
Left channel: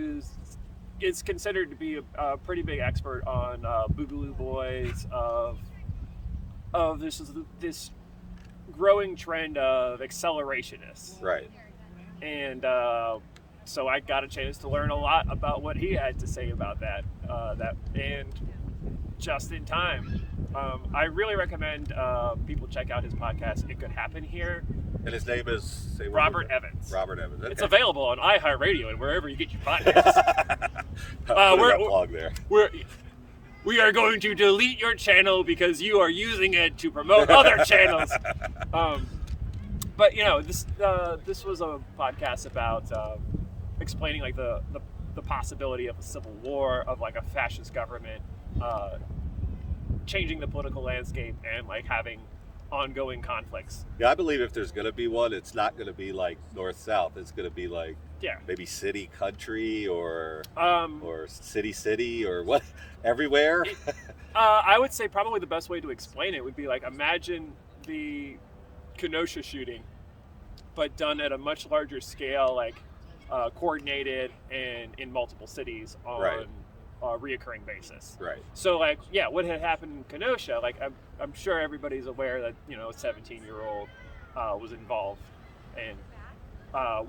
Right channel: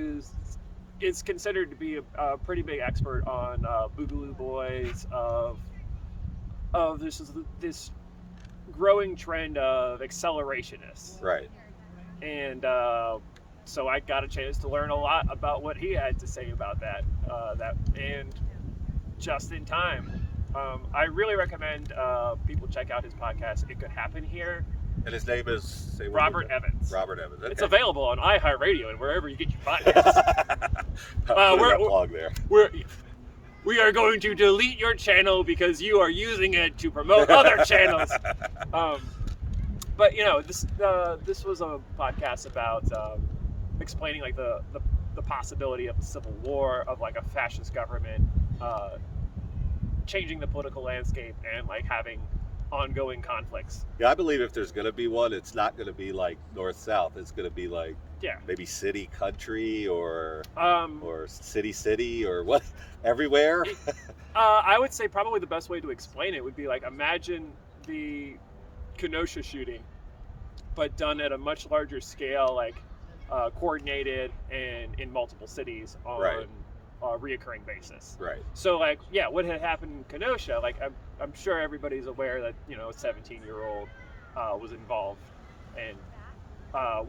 is considered to be a pretty big expert on Boogaloo Boys, of this growing trend of accelerationists. Right. And so I got a chance to learn a lot about what he had to say about that. And just in time. I really recommend people check out his podcast. It Could Happen Here. And his name is Robert Evans. Robert Evans. Okay. It's available on iHeartRadio and wherever you get your podcasts. Put a plug there. We are going to delete your channel because you are using it to promote other channels. But this was a podcast about explaining like the possibility of a civil war, of like a fascist government changing the political landscape and like having ongoing conflicts. Yeah, I believe if there's going to be one, it's not going to be like north-south. It's going to be like maybe city-country or city or what, everywhere. I would say probably the best way to explain it would be like, imagine the Kenosha shooting, but done at a much larger scale, like coordinated and in multiple cities on a reoccurring basis. Right. So like, what had happened in Kenosha, like I'm sure everybody's aware that, a 17-year-old was involved, and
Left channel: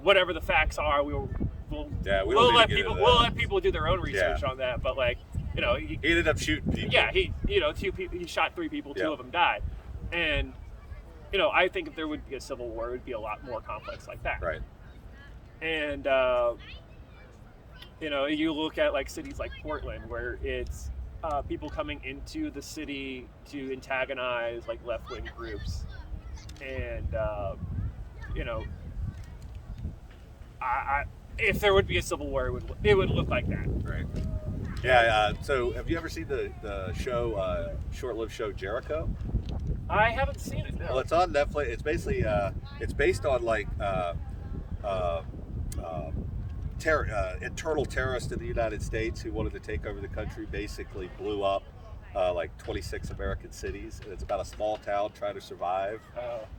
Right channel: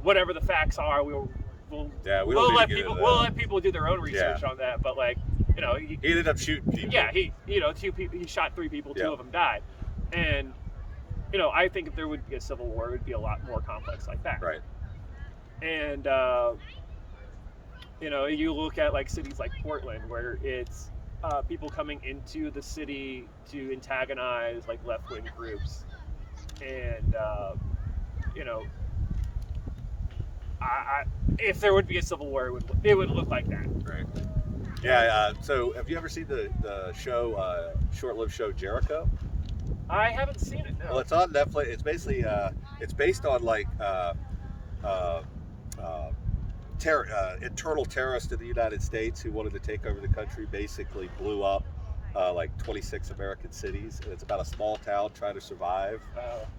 whatever the facts are, we'll let people do their own research on that. But like, he ended up shooting people. Yeah, he shot 3 people, 2 of them died. And I think if there would be a civil war, it would be a lot more complex like that. Right. And you look at like cities like Portland, where it's people coming into the city to antagonize like left-wing groups, and if there would be a civil war, it would look like that. Right. Yeah. So, have you ever seen the show, short-lived show Jericho? I haven't seen it. No. Well, it's on Netflix. It's basically it's based on like internal terrorists in the United States who wanted to take over the country. Basically, blew up like 26 American cities, and it's about a small town trying to survive.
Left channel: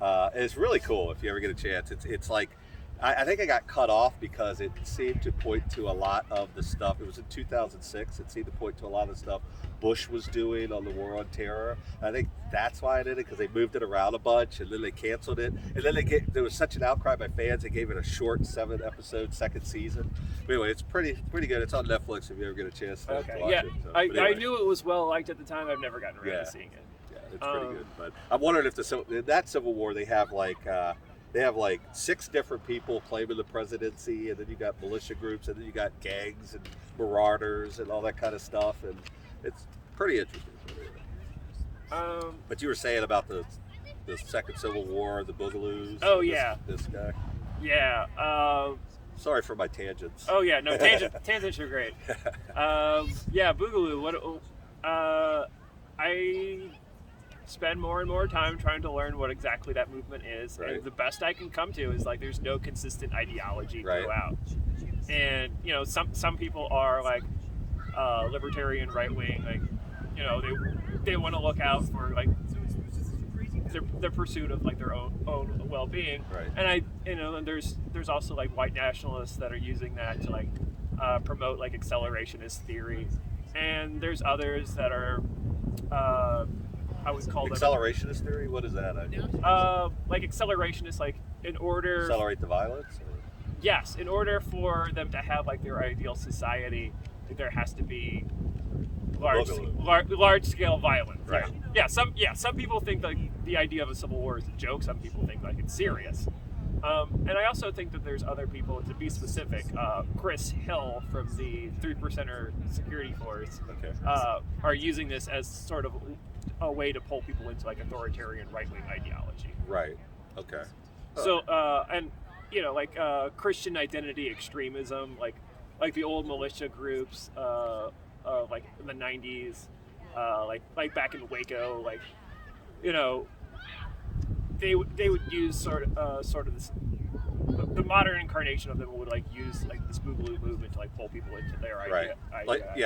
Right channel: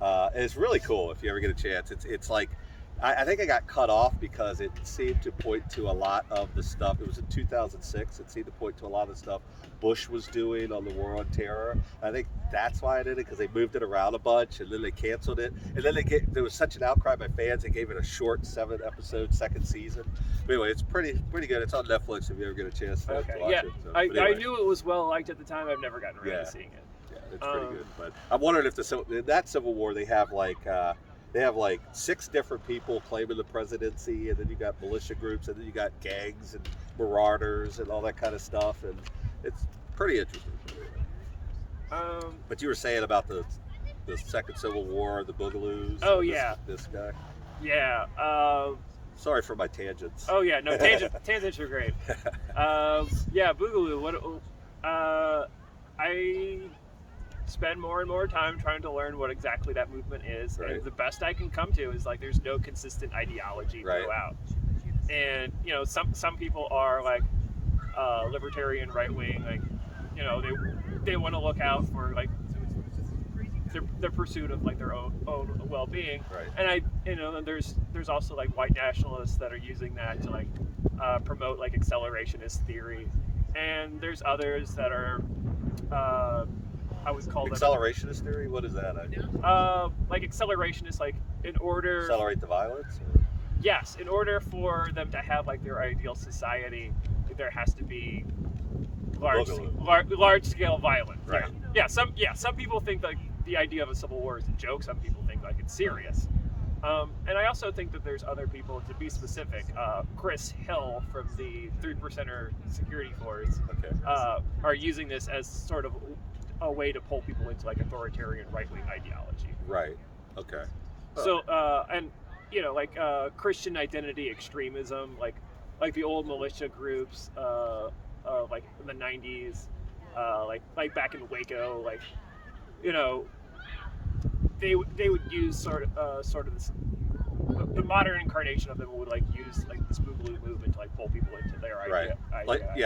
And it's really cool if you ever get a chance. It's like. I think I got cut off because it seemed to point to a lot of the stuff. It was in 2006. It seemed to point to a lot of the stuff Bush was doing on the war on terror. I think that's why I did it, because they moved it around a bunch, and then they canceled it. And then there was such an outcry by fans, they gave it a short 7-episode second season. But anyway, it's pretty good. It's on Netflix if you ever get a chance to watch it. So, I knew it was well liked at the time. I've never gotten around to seeing it. Yeah, it's pretty good. But I'm wondering if in that Civil War they have like. They have like 6 different people claiming the presidency, and then you got militia groups, and then you got gangs and marauders and all that kind of stuff, and it's pretty interesting. But you were saying about the Second Civil War, the Boogaloos. Oh, this guy. Yeah. Sorry for my tangents. Oh yeah, no, tangents are great. Boogaloo. I spend more and more time trying to learn what exactly that movement is. Right. And the best I can come to is like there's no consistent ideology throughout. And some people are like libertarian, right wing, like they want to look out for like their pursuit of like their own well-being. Right. And and there's also like white nationalists that are using that to like promote like accelerationist theory. And there's others that are I would call accelerationist theory. What is that? Like accelerationist, like in order accelerate the violence. Or? Yes, in order for them to have like their ideal society, there has to be large scale violence. Right. Yeah. Some people think like the idea of a civil war is a joke. Some people think like it's serious. And I also think that there's other people, to be specific, Chris Hill from the 3%er security force are using this as sort of a way to pull people into like authoritarian right-wing ideology. Right. Okay. So, and like Christian identity extremism, like the old militia groups of like in the 90s, like back in Waco, like they would use sort of this, the modern incarnation of them would like use like this Boogaloo movement to like pull people into their idea.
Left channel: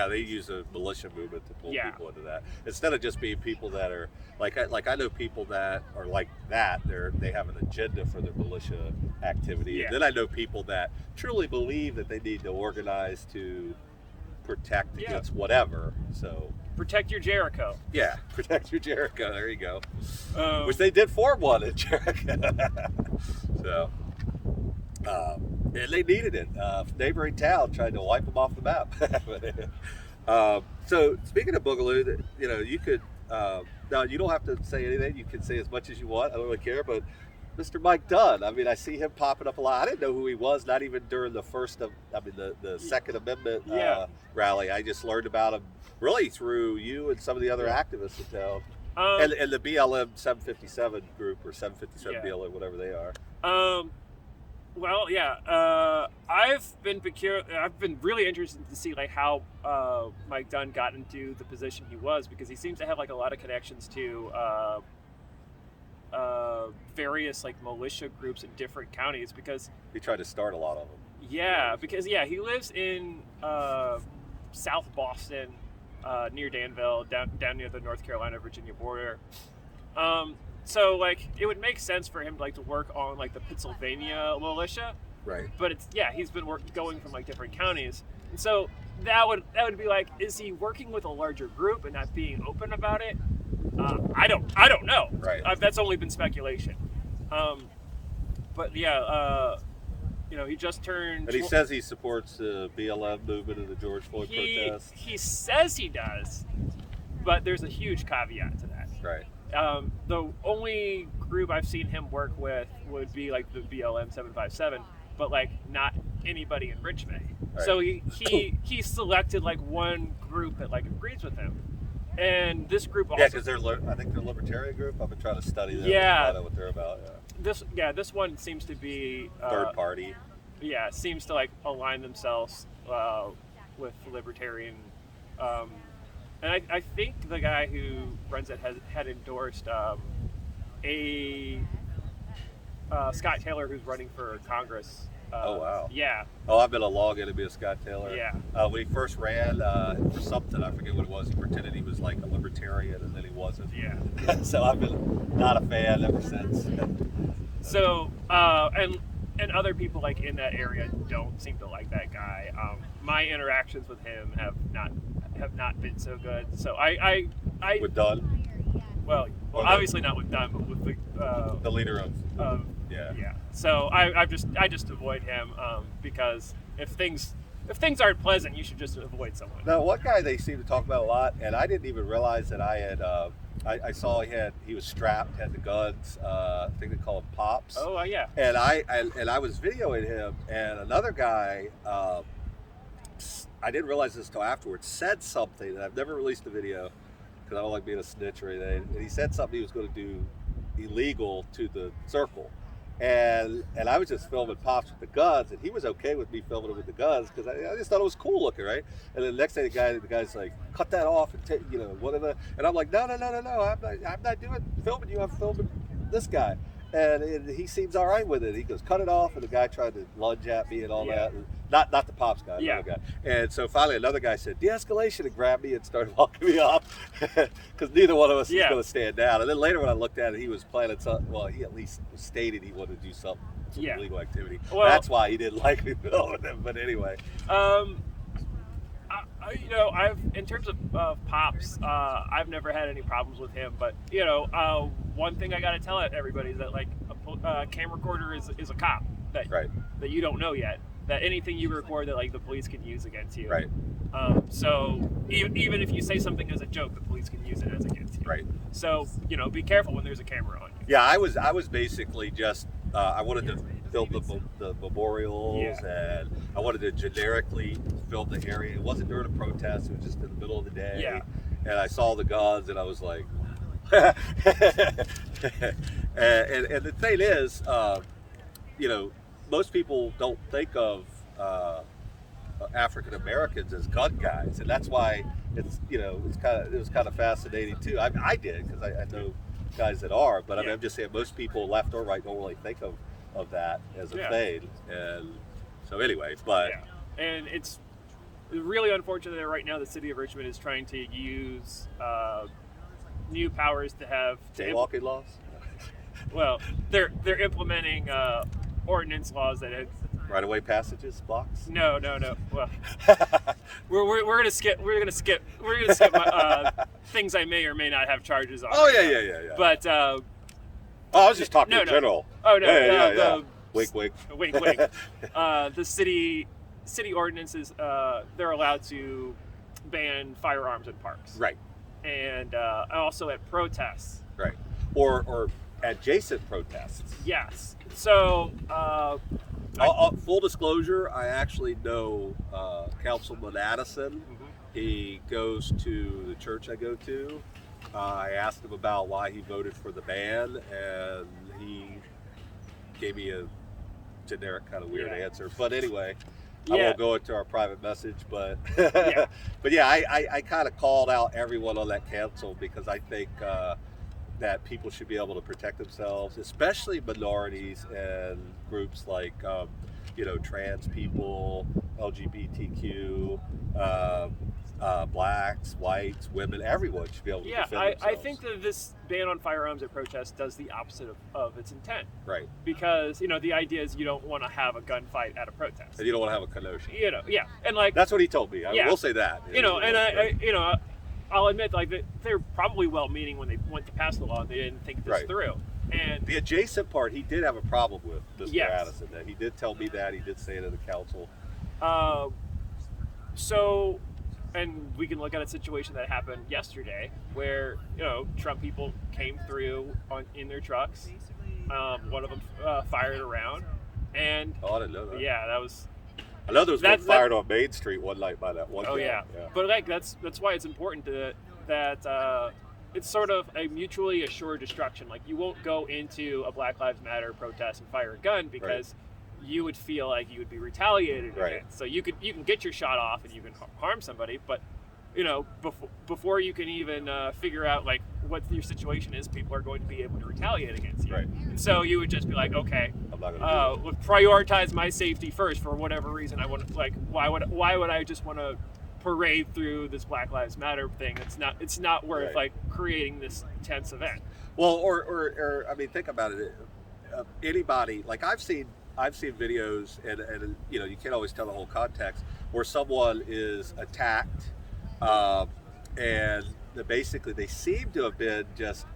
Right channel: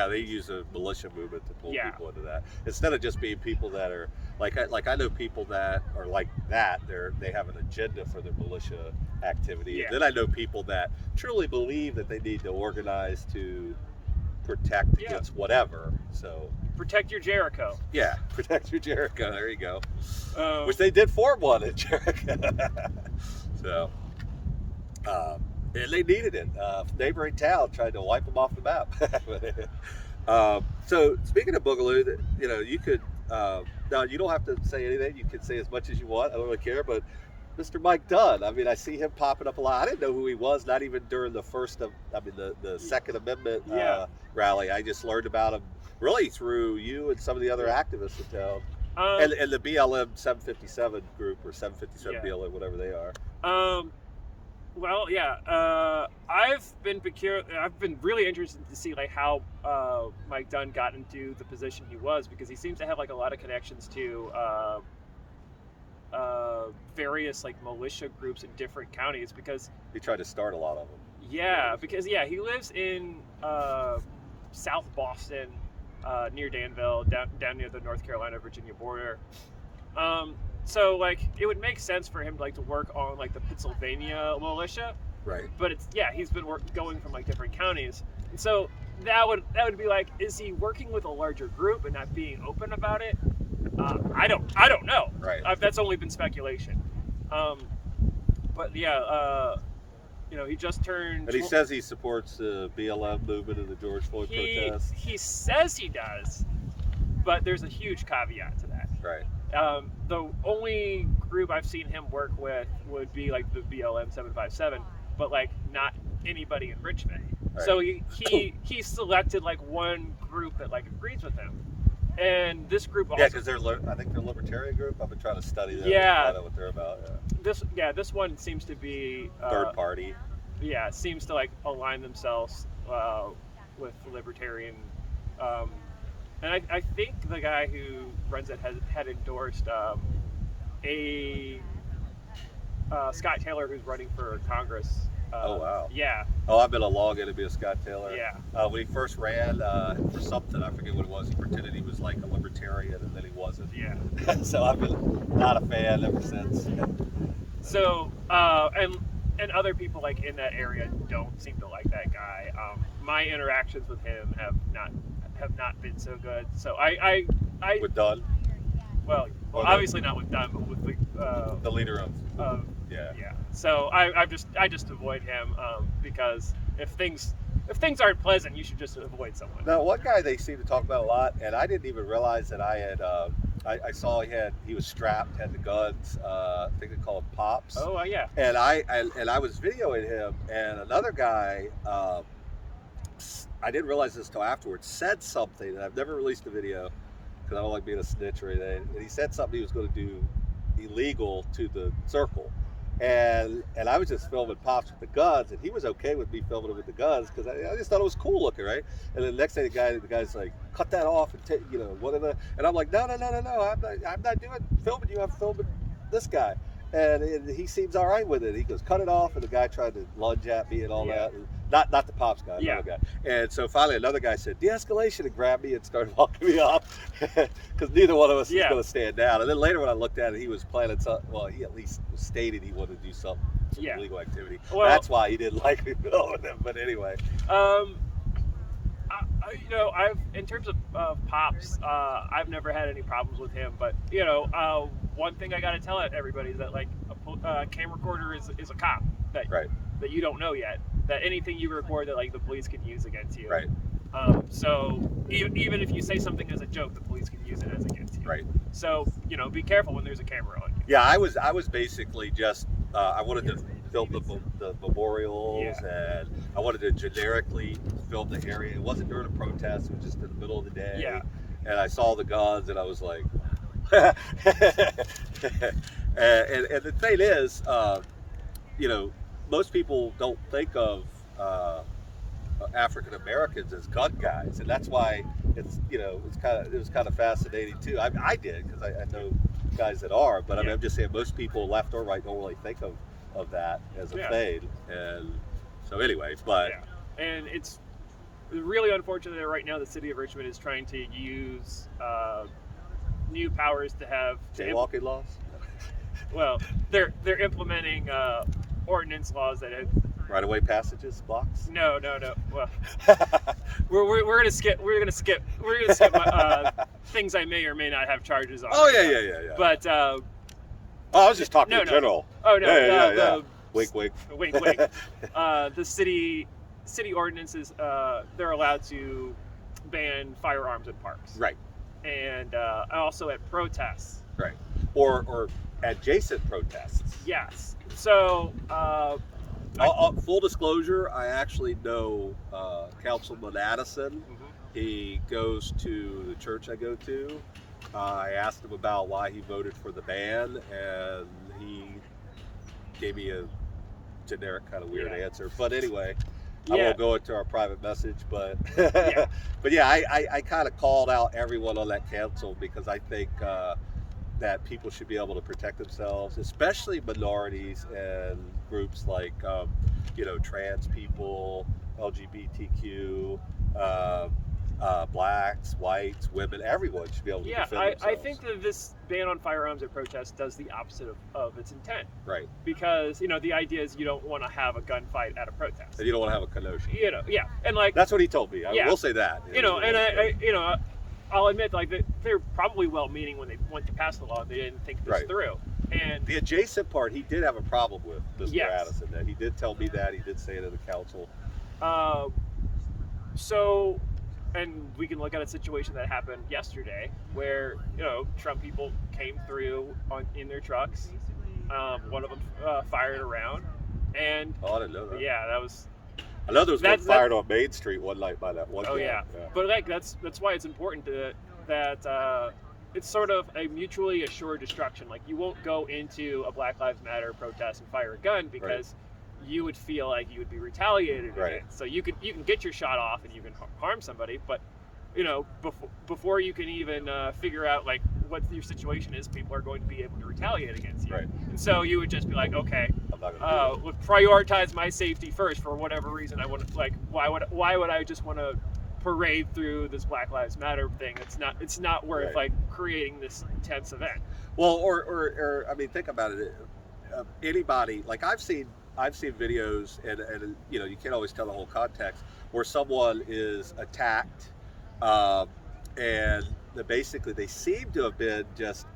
They use a militia movement to pull people into that instead of just being people that are like I know people that are like that. They have an agenda for their militia activity, and then I know people that truly believe that they need to organize to protect against whatever. So protect your Jericho. Yeah, protect your Jericho. There you go. Which they did form one at Jericho. So. And they needed it. Neighboring town tried to wipe them off the map. So speaking of Boogaloo, you could now you don't have to say anything. You can say as much as you want. I don't really care. But Mr. Mike Dunn, I mean, I see him popping up a lot. I didn't know who he was, not even during the the Second Amendment rally. I just learned about him really through you and some of the other activists in town. And the BLM 757 group or 757 BLM, whatever they are. Well, I've been really interested to see like how Mike Dunn got into the position he was, because he seems to have like a lot of connections to various like militia groups in different counties, because he tried to start a lot of them. Yeah, because he lives in South Boston, near Danville, down near the North Carolina-Virginia border. So like it would make sense for him like to work on like the Pennsylvania militia, right? But he's been going from like different counties, and so that would be like, is he working with a larger group and not being open about it? I don't know. Right. That's only been speculation. But he just turned. And he says he supports the BLM movement and the George Floyd protests. He says he does, but there's a huge caveat to that. Right. The only group I've seen him work with would be like the BLM 757, but like not anybody in Richmond. Right. So he selected like one group that like agrees with him, and this group also. Yeah, because I think they're a libertarian group. I've been trying to study them. Yeah. Find out what they're about. Yeah. This one seems to be third party. Yeah, seems to like align themselves with libertarian. And I think the guy who runs it had endorsed Scott Taylor, who's running for Congress. Oh, wow. Yeah. Oh, I've been a long enemy of Scott Taylor. Yeah. When he first ran for something, I forget what it was, he pretended he was like a libertarian, and then he wasn't. Yeah. So I've been not a fan ever since. So, and other people like in that area don't seem to like that guy. My interactions with him have not been so good. So I with Dunn. Well, obviously not with Dunn, but with the leader of yeah. So I just avoid him because if things aren't pleasant, you should just avoid someone. Now, one guy they seem to talk about a lot, and I didn't even realize that I had. I saw he was strapped, had the guns. I think they call them pops. Oh yeah. And I was videoing him, and another guy. I didn't realize this until afterwards. Said something, and I've never released the video because I don't like being a snitch or anything. And he said something he was going to do illegal to the circle, and I was just filming pops with the guns, and he was okay with me filming him with the guns because I just thought it was cool looking, right? And then the next day, the guy's like, "Cut that off," and take, whatever. And I'm like, "No, I'm not filming you. I'm filming this guy." And he seems all right with it. He goes, "Cut it off," and the guy tried to lunge at me and all that. And not the pops guy, another guy. And so finally another guy said, "De-escalation," and grabbed me and started walking me off because neither one of us was going to stand down. And then later when I looked at it, he was planning something. Well, he at least stated he wanted to do something for illegal activity. Well, that's why he didn't like me filming him. But anyway. I've in terms of pops, I've never had any problems with him. But one thing I got to tell everybody is that like a camera recorder is a cop that you don't know yet. That anything you record that like the police can use against you. Right. So even if you say something as a joke, the police can use it as against you. Right. So be careful when there's a camera on you. Yeah, I was basically just I wanted to film the memorials, Yeah. and I wanted to generically film the area. It wasn't during a protest; it was just in the middle of the day. Yeah. And I saw the guns, and I was like, wow. And the thing is, you know, most people don't think of African Americans as gun guys, and that's why it was kind of fascinating too. I did because I know guys that are, but I mean, I'm just saying most people, left or right, don't really think of that as a thing, and so anyways, but and it's really unfortunate that right now the city of Richmond is trying to use new powers to have jaywalking laws. Well, they're implementing ordinance laws that have right-of-way passages, blocks. No. Well, we're gonna skip things I may or may not have charges on. Oh yeah. But I was just talking in general. Oh no, yeah. Wink, wink. Wink. The city ordinances, they're allowed to ban firearms in parks. Right. And also at protests. Right. Or adjacent protests. Yes. So. Full disclosure, I actually know Councilman Addison. Mm-hmm. He goes to the church I go to. I asked him about why he voted for the ban, and he gave me a generic kind of weird answer. But anyway, I won't go into our private message, but but yeah, I kind of called out everyone on that council because I think that people should be able to protect themselves, especially minorities and groups like trans people, LGBTQ, blacks, whites, women. Everyone should be able to defend themselves. I think that this ban on firearms at protests does the opposite of its intent. Right. Because the idea is you don't want to have a gunfight at a protest. And you don't want to have a commotion. And like that's what he told me. I will say that. I'll admit, like, they're probably well-meaning when they went to pass the law and they didn't think this through. And the adjacent part, he did have a problem with, Mr. Addison. That he did tell me that. He did say it in the council. So, and we can look at a situation that happened yesterday where, Trump people came through in their trucks. One of them fired around. And I didn't know that. Yeah, that was... I know there was one fired on Main Street one night by that one guy. Yeah. But like that's why it's important that it's sort of a mutually assured destruction. Like you won't go into a Black Lives Matter protest and fire a gun because you would feel like you would be retaliated against. So you can get your shot off and you can harm somebody, but before you can even figure out like what your situation is, people are going to be able to retaliate against you. Right. And so you would just be like, okay, I'm not gonna prioritize my safety first for whatever reason. I want why would I just want to parade through this Black Lives Matter thing? It's not worth like creating this intense event. Well, or I mean, think about it. Anybody like I've seen videos and you can't always tell the whole context where someone is attacked. And basically they seem to have been just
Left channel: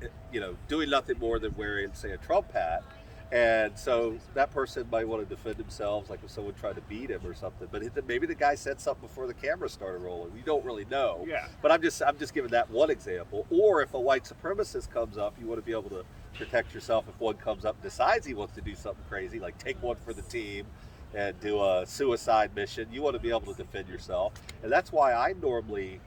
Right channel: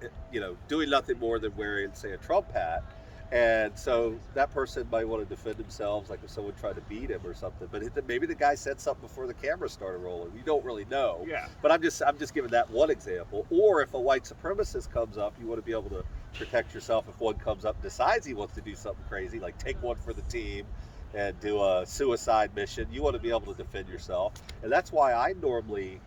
doing nothing more than wearing, say, a Trump hat, and so that person might want to defend themselves, like if someone tried to beat him or something. But maybe the guy said something before the camera started rolling. You don't really know. Yeah. But I'm just giving that one example. Or if a white supremacist comes up, you want to be able to protect yourself if one comes up and decides he wants to do something crazy, like take one for the team and do a suicide mission. You want to be able to defend yourself, and that's why I normally,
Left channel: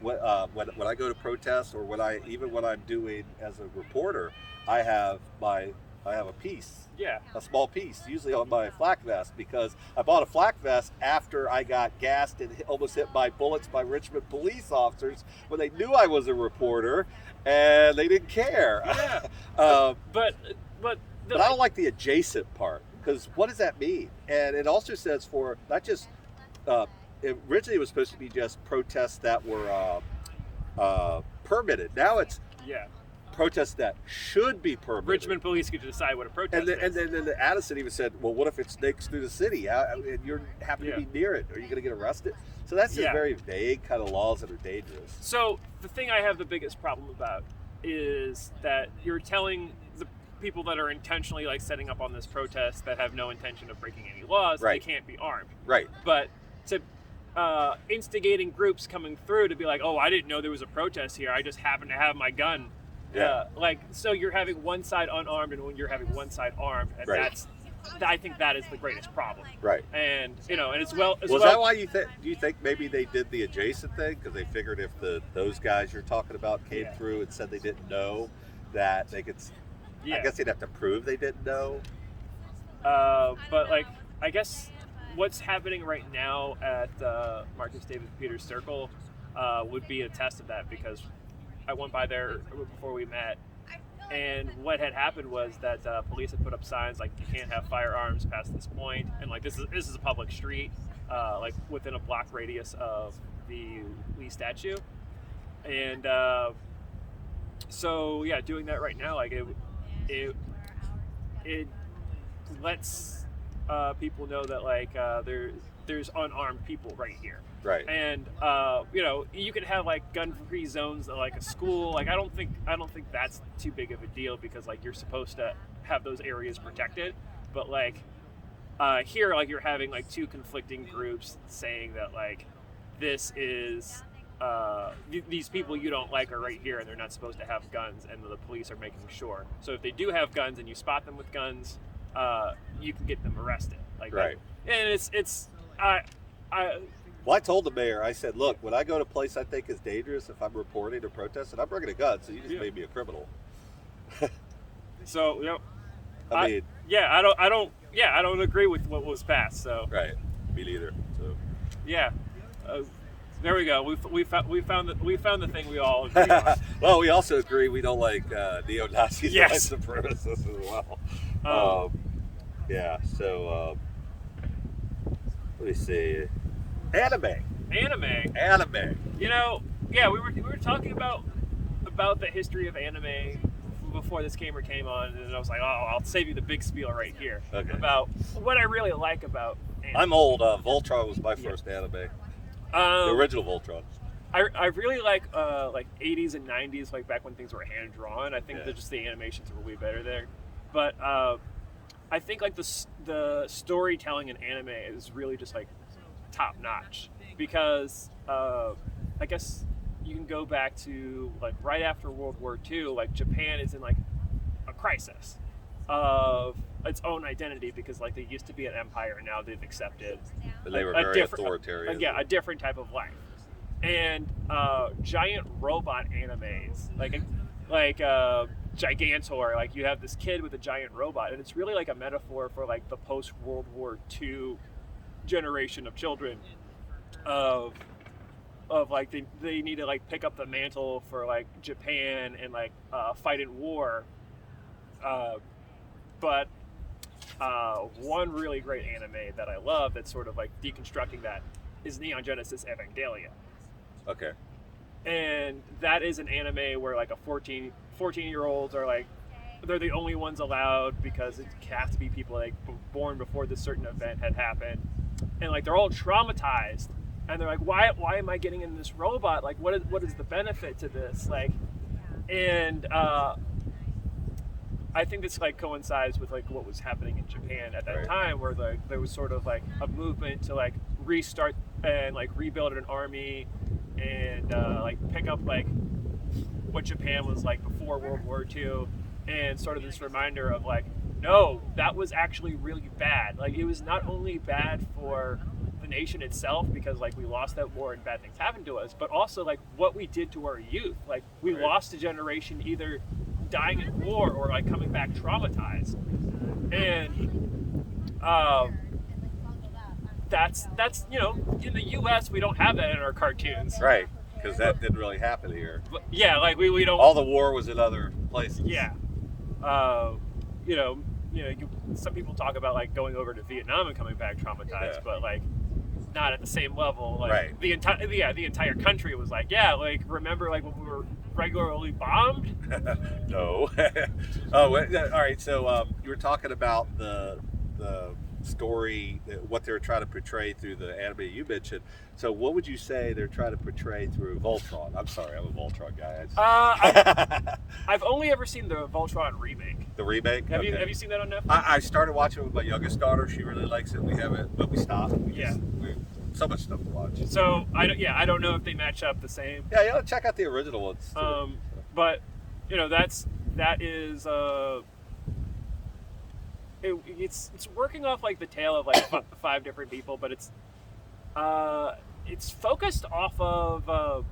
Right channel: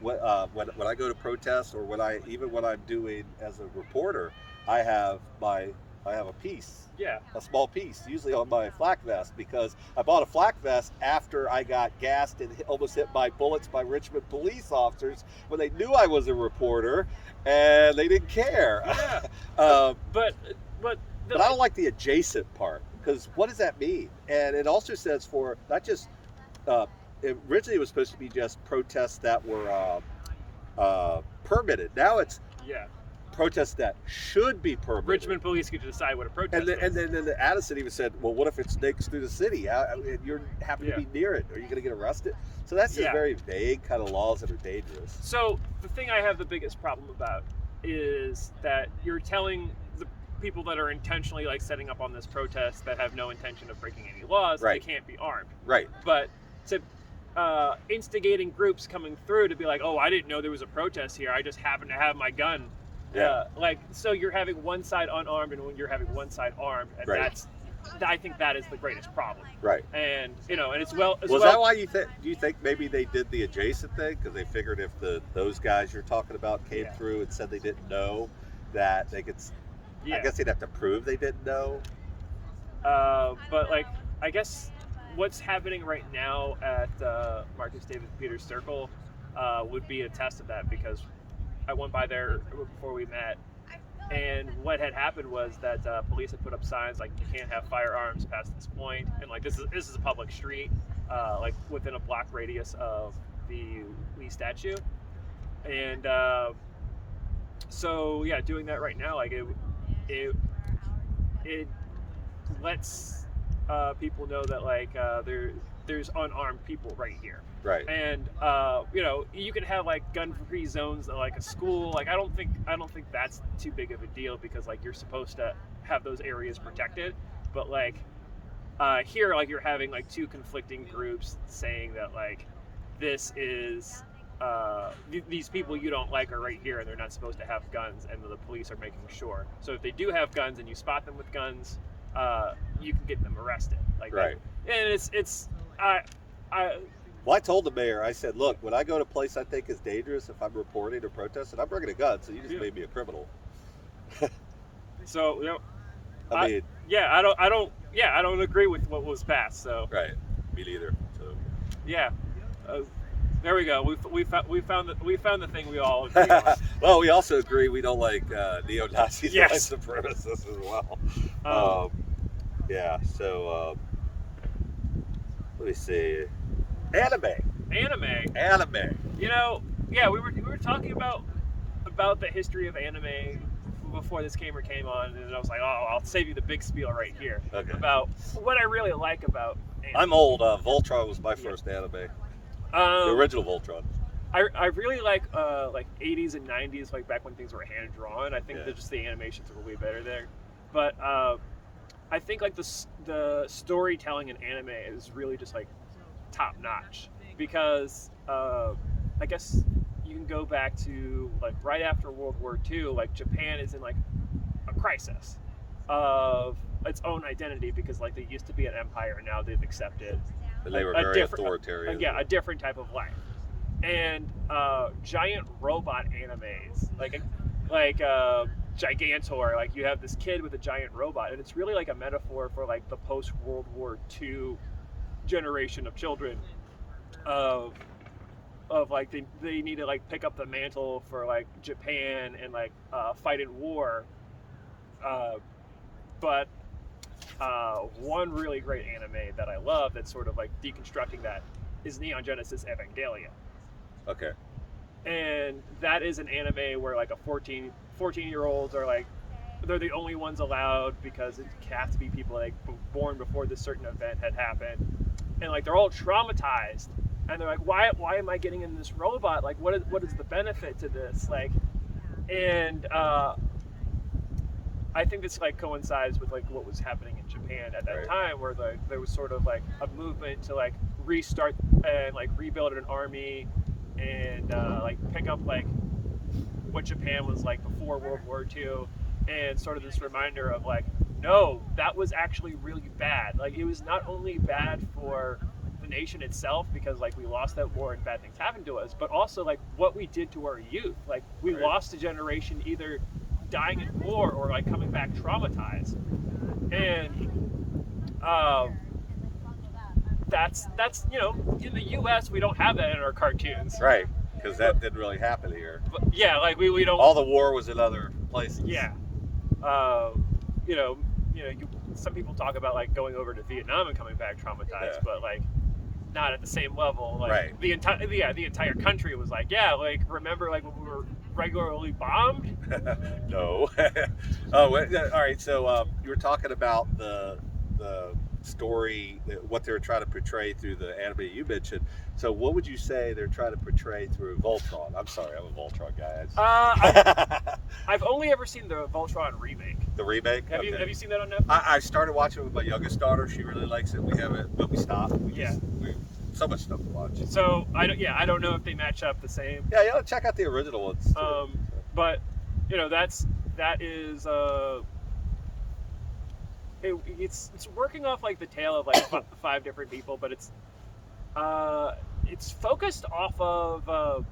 when I go to protests or when I'm doing as a reporter, I have a piece, a small piece, usually on my flak vest, because I bought a flak vest after I got gassed and almost hit by bullets by Richmond police officers when they knew I was a reporter and they didn't care. Yeah. But I don't like the adjacent part. Because what does that mean? And it also says for not just, originally it was supposed to be just protests that were permitted. Now it's protests that should be permitted. Richmond police could decide what a protest is. And then Addison even said, well, what if it snakes through the city? And you happen to be near it. Are you going to get arrested? So that's just very vague kind of laws that are dangerous. So the thing I have the biggest problem about is that you're telling the people that are intentionally like setting up on this protest that have no intention of breaking any laws, they can't be armed. Right. But to instigating groups coming through to be like, oh, I didn't know there was a protest here. I just happen to have my gun. So you're having one side unarmed and when you're having one side armed, and I think that is the greatest problem. Right. And and it's Was that why do you think maybe they did the adjacent thing because they figured if those guys you're talking about came through and said they didn't know that they could, I guess they'd have to prove they didn't know. But like I guess what's happening right now at Marcus David Peters Circle would be a test of that, because I went by there before we met. And what had happened was that police had put up signs like you can't have firearms past this point, and like this is a public street, like within a block radius of the Lee statue, and so yeah, doing that right now, like it lets people know that like there's unarmed people right here. Right. And you could have like gun-free zones at like a school. Like I don't think that's too big of a deal, because like you're supposed to have those areas protected. But like here, like you're having like two conflicting groups saying that like this is these people you don't like are right here and they're not supposed to have guns, and the police are making sure. So if they do have guns and you spot them with guns, you can get them arrested. Like right. And it's Well, I told the mayor, I said, look, when I go to a place I think is dangerous, if I'm reporting or protesting, I'm bringing a gun, so you just made me a criminal. So, I don't agree with what was passed, so. Right, me neither, so. Yeah, there we go, we found the thing we all agree on. Well, we also agree we don't like neo-Nazis and white Yes. supremacists as well. Let me see. Anime. We were talking about the history of anime before this came on, and I was like, oh, I'll save you the big spiel right here. Okay. About what I really like about anime. I'm old. Voltron was my first anime. The original Voltron. I really like 80s and 90s, like back when things were hand drawn. I think that just the animations were way better there. But I think like the storytelling in anime is really just like top notch, because I guess you can go back to like right after World War II, like Japan is in like a crisis of its own identity, because like they used to be an empire and now they've accepted And they were very authoritarian. a different type of life. And giant robot animes, like Gigantor, like you have this kid with a giant robot, and it's really like a metaphor for like the post-World War II generation of children of like they need to like pick up the mantle for like Japan and like fight in war. But one really great anime that I love that's sort of like deconstructing that is Neon Genesis Evangelion. Okay. And that is an anime where like 14-year-olds are like, they're the only ones allowed because it has to be people like born before this certain event had happened, and like they're all traumatized, and they're like, why am I getting in this robot? Like, what is the benefit to this? Like, and I think this like coincides with like what was happening in Japan at that time, where there was sort of like a movement to like restart and like rebuild an army and like pick up like what Japan was like before World War II, and sort of this reminder of like, no, that was actually really bad. Like it was not only bad for the nation itself, because like we lost that war and bad things happened to us, but also like what we did to our youth. Like we lost a generation either dying in war or like coming back traumatized. And that's in the US we don't have that in our cartoons. Right, because that didn't really happen here. But, yeah, like we don't. All the war was in other places. Yeah. Some people talk about like going over to Vietnam and coming back traumatized, but like not at the same level. Like the entire country was like, like remember like when we were regularly bombed? No. All right. So you were talking about the story, what they were trying to portray through the anime you mentioned. So what would you say they're trying to portray through Voltron? I'm sorry, I'm a Voltron guy. I've only ever seen the Voltron remake. The remake? Have you seen that on Netflix? I started watching it with my youngest daughter. She really likes it. We haven't, but we stopped. So much stuff to watch. So I don't know if they match up the same. Yeah, check out the original ones. But that is it's working off like the tale of like five different people, but it's focused off of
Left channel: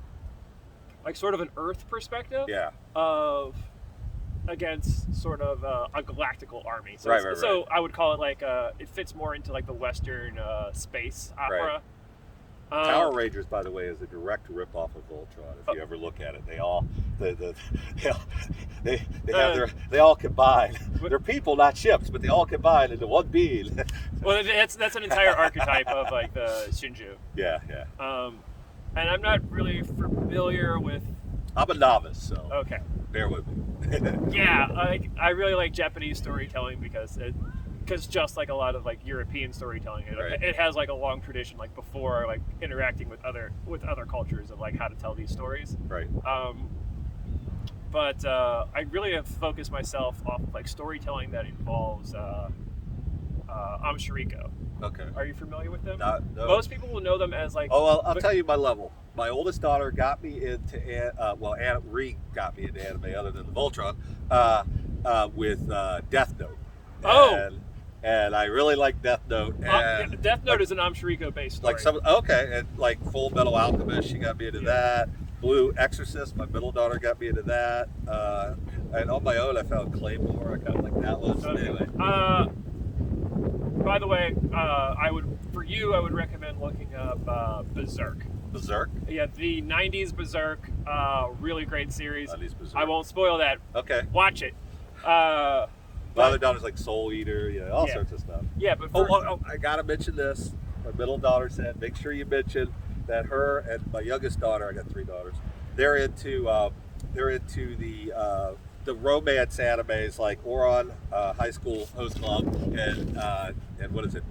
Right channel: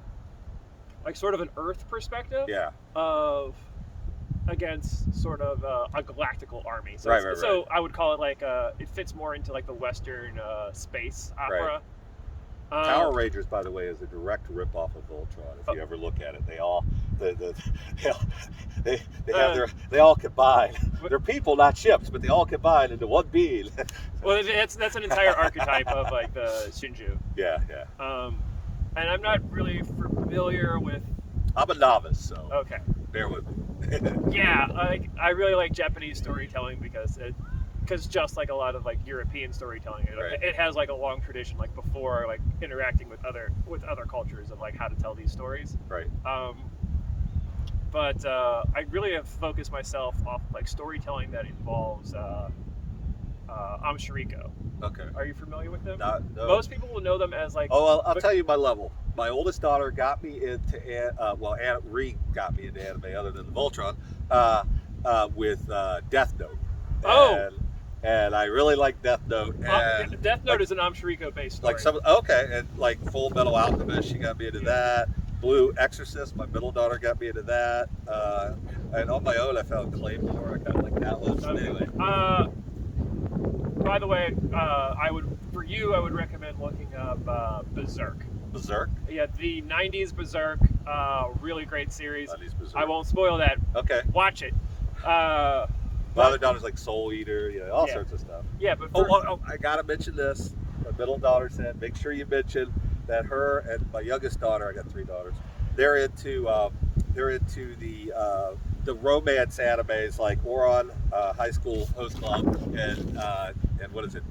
like sort of an Earth perspective. Yeah. Of against sort of a galactical army. So Right. so I would call it like it fits more into like the Western space opera. Power Rangers, by the way, is a direct rip-off of Voltron. If you ever look at it, they all they all combine. They're people, not ships, but they all combine into one being. Well, that's an entire archetype of like the Shinju. Yeah. And I'm not really familiar with. I'm a novice, so okay, bear with me. Yeah, I really like Japanese storytelling because just like a lot of like European storytelling, it has like a long tradition, like before like interacting with other cultures of like how to tell these stories. Right. But I really have focused myself off of like storytelling that involves Amshiriko. Okay. Are you familiar with them? No. Most people will know them as like. Oh, well, I'll tell you my level. My oldest daughter got me into got me into anime other than the Voltron with Death Note. And I really like Death Note. And Death Note is an Amshiriko based story. And like Full Metal Alchemist, she got me into that. Blue Exorcist, my middle daughter got me into that. And on my own, I found Claymore. I kind of like that one. Okay. Anyway. By the way, I would recommend looking up Berserk. Berserk? Yeah, the 90s Berserk, really great series. 90s Berserk. I won't spoil that. Okay. Watch it. My other daughter's like Soul Eater, all sorts of stuff. Yeah, but I gotta mention this. My middle daughter said, make sure you mention that her and my youngest daughter, I got 3 daughters, they're into the romance animes like Ouran, High School Host Club, and what is it,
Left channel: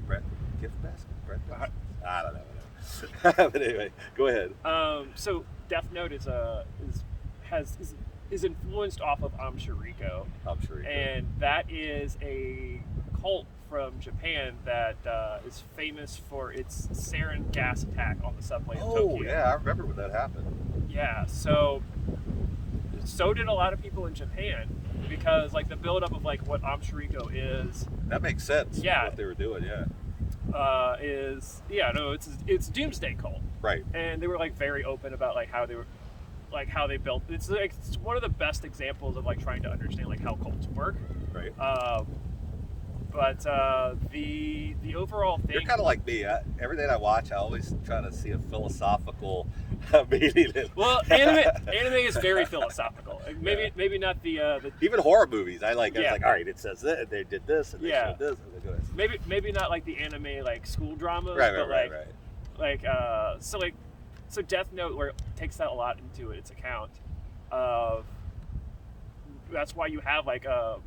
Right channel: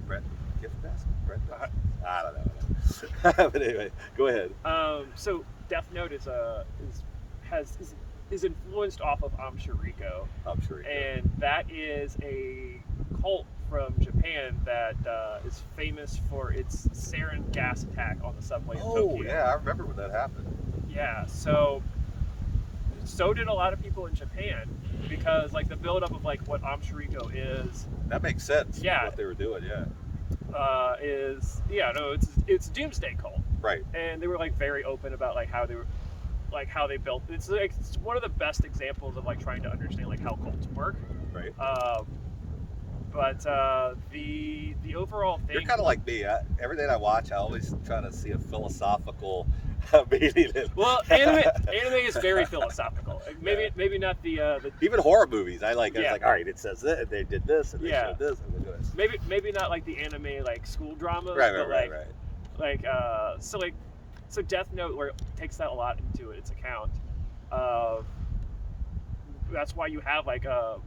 Gift Basket? I don't know. But anyway, go ahead. So Death Note is influenced off of Amshiriko. And that is a cult from Japan that is famous for its sarin gas attack on the subway in Tokyo. Oh, yeah, I remember when that happened. Yeah, so did a lot of people in Japan because like the buildup of like what Amshiriko is. That makes sense. Yeah. What they were doing, yeah. It's doomsday cult. Right. And they were like very open about like how they built. It's one of the best examples of like trying to understand like how cults work. Right. But the overall thing. You're kind of like me. Everything I watch, I always try to see a philosophical meaning. Well, anime is very philosophical. Maybe not the even horror movies. I like. Yeah. It's like, all right, it says that, and they did this, and they showed this, and they did this. Maybe not like the anime like school drama. Right. So Death Note where it takes that a lot into its account. That's why you have like the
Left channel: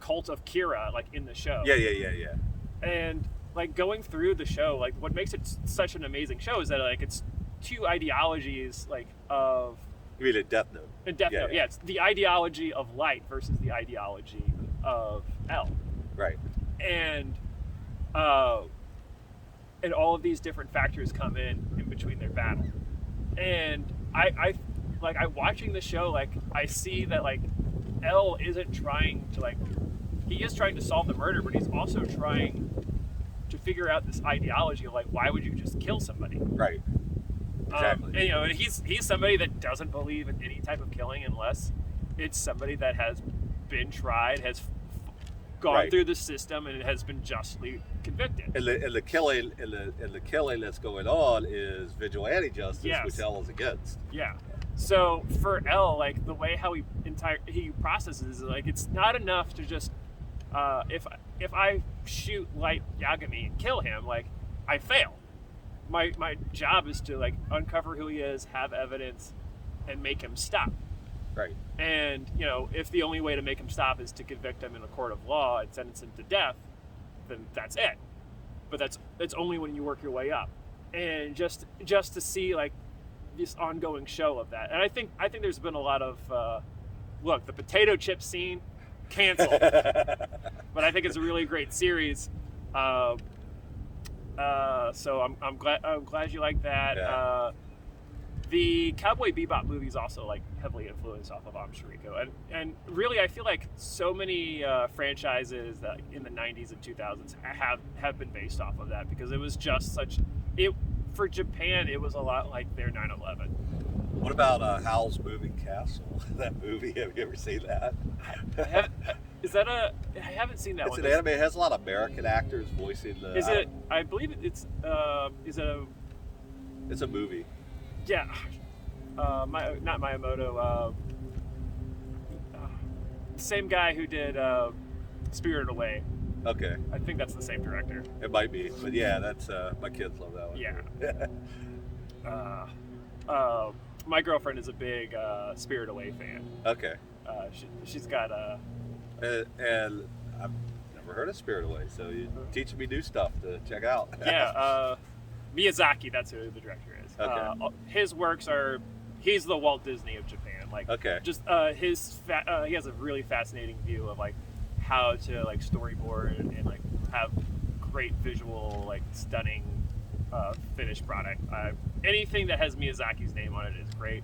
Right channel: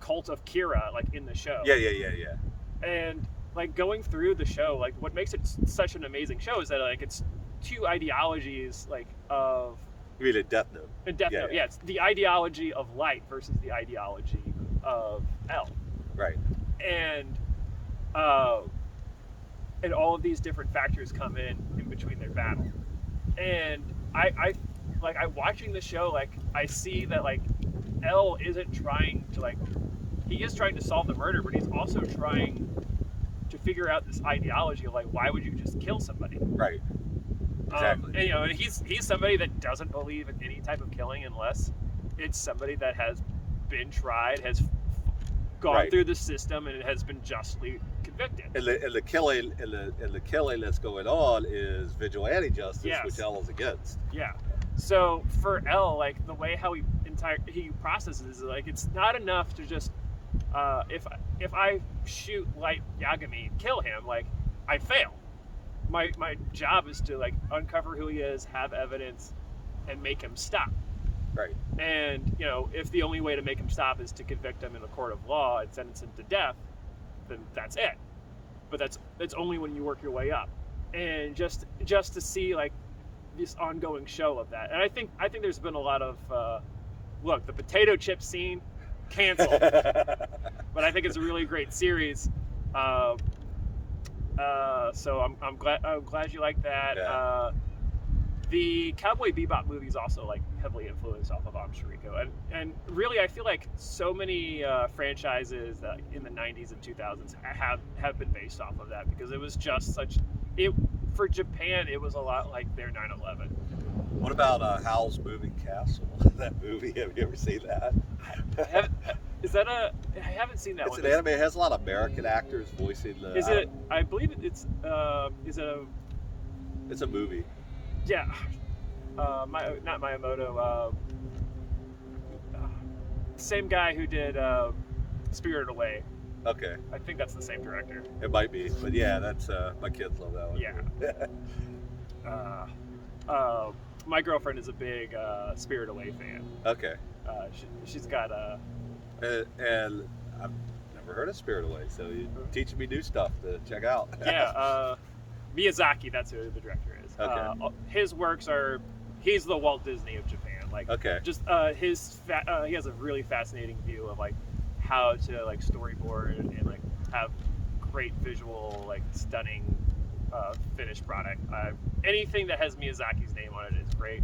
cult of Kira like in the show. Yeah. And like going through the show, like what makes it such an amazing show is that like it's 2 ideologies like of. You mean a Death Note? In Death Note, yeah. It's the ideology of light versus the ideology of L. Right. And all of these different factors come in between their battle. And I watching the show, like I see that like L isn't trying to like, he is trying to solve the murder, but he's also trying to figure out this ideology of like, why would you just kill somebody? Right. Exactly. And he's somebody that doesn't believe in any type of killing unless it's somebody that has been tried, has gone through the system, and has been justly convicted. And the killing that's going on is vigilante justice, which L is against. Yeah. So for L, like the way how he processes, like it's not enough to just if I shoot Light Yagami and kill him, like I fail. My job is to like uncover who he is, have evidence, and make him stop. Right. And if the only way to make him stop is to convict him in the court of law and sentence him to death, then that's it. But that's only when you work your way up. And just to see like this ongoing show of that. And I think there's been a lot of look, the potato chip scene canceled. But I think it's a really great series. So I'm glad you like that. Yeah. the Cowboy Bebop movies also like heavily influenced off of Amshiriko, and really I feel like so many franchises in the 90s and 2000s have been based off of that, because it was just such it for Japan. It was a lot like their 9/11. What about Howl's Moving Castle? That movie, have you ever seen that? I haven't seen that It's one. an anime. It has a lot of American actors voicing the. Is it? I believe it's. Is it a? It's a movie. Yeah. Not Miyamoto. Same guy who did Spirited Away. Okay. I think that's the same director. It might be, but yeah, that's my kids love that one. Yeah. My girlfriend is a big Spirited Away fan. Okay. She's got and I've never heard of Spirit Away, so you're teaching me new stuff to check out. Yeah. Miyazaki, that's who the director is. Okay. His works are. He's the Walt Disney of Japan. Like. Okay. Just he has a really fascinating view of like how to like storyboard and like have great visual, like stunning finished product. Anything that has Miyazaki's name on it is great.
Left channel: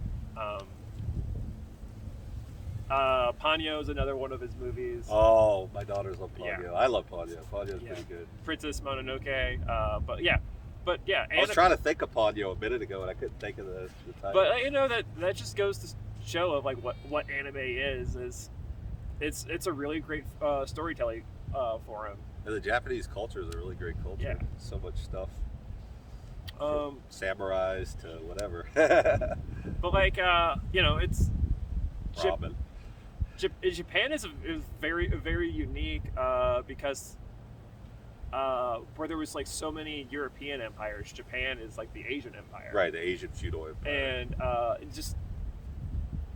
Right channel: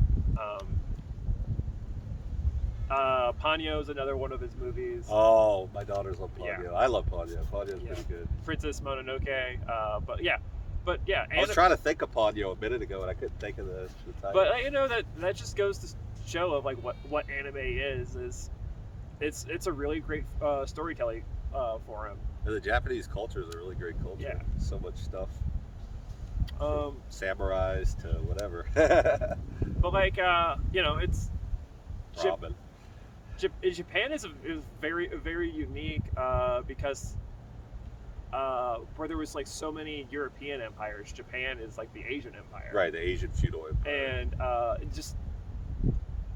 Ponyo is another one of his movies. Oh, my daughters love Ponyo. Yeah. I love Ponyo. Ponyo's pretty good. Princess Mononoke. But yeah. I was trying to think of Ponyo a minute ago, and I couldn't think of the title. But you know that just goes to show of like what anime is. It's a really great storytelling for him. And the Japanese culture is a really great culture. Yeah. So much stuff. From samurais to whatever. But like it's Robin. Japan is very unique because where there was like so many European empires, Japan is like the Asian empire. Right, the Asian feudal empire. And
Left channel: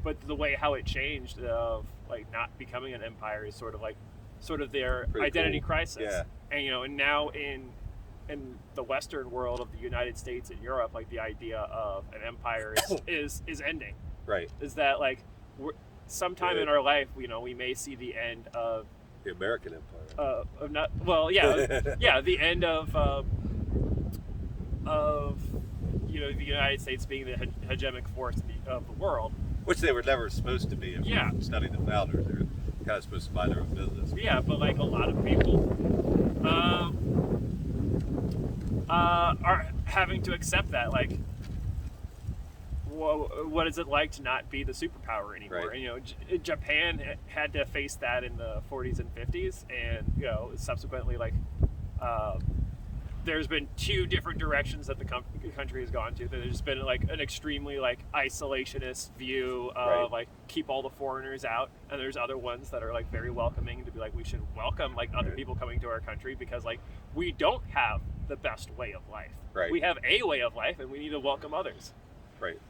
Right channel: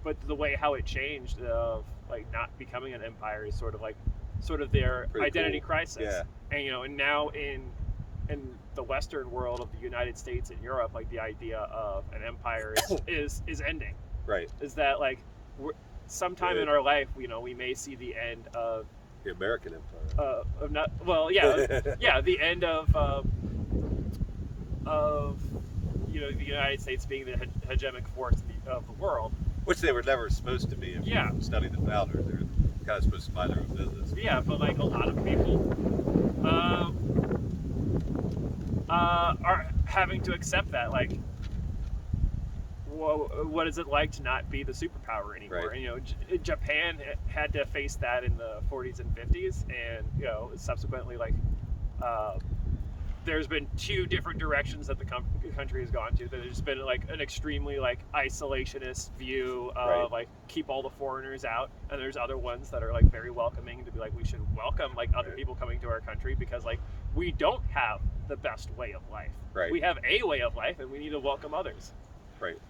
but the way how it changed like not becoming an empire is sort of their Pretty identity cool. crisis. Yeah. And now in the Western world of the United States and Europe, like the idea of an empire is ending. Right. Is that like sometime in our life, we may see the end of the American empire. The end of the United States being the hegemonic force of the world. Which they were never supposed to be. If you study the founder, they're kind of supposed to mind their own business. Yeah, but like a lot of people are having to accept that. Like, what is it like to not be the superpower anymore? Right. And, Japan had to face that in the 40s and 50s, and subsequently, like, there's been two different directions that the country has gone to. There's been like an extremely like isolationist view of like keep all the foreigners out, and there's other ones that are like very welcoming to be like we should welcome like other people coming to our country because like we don't have the best way of life. Right. We have a way of life, and we need to welcome others. Right.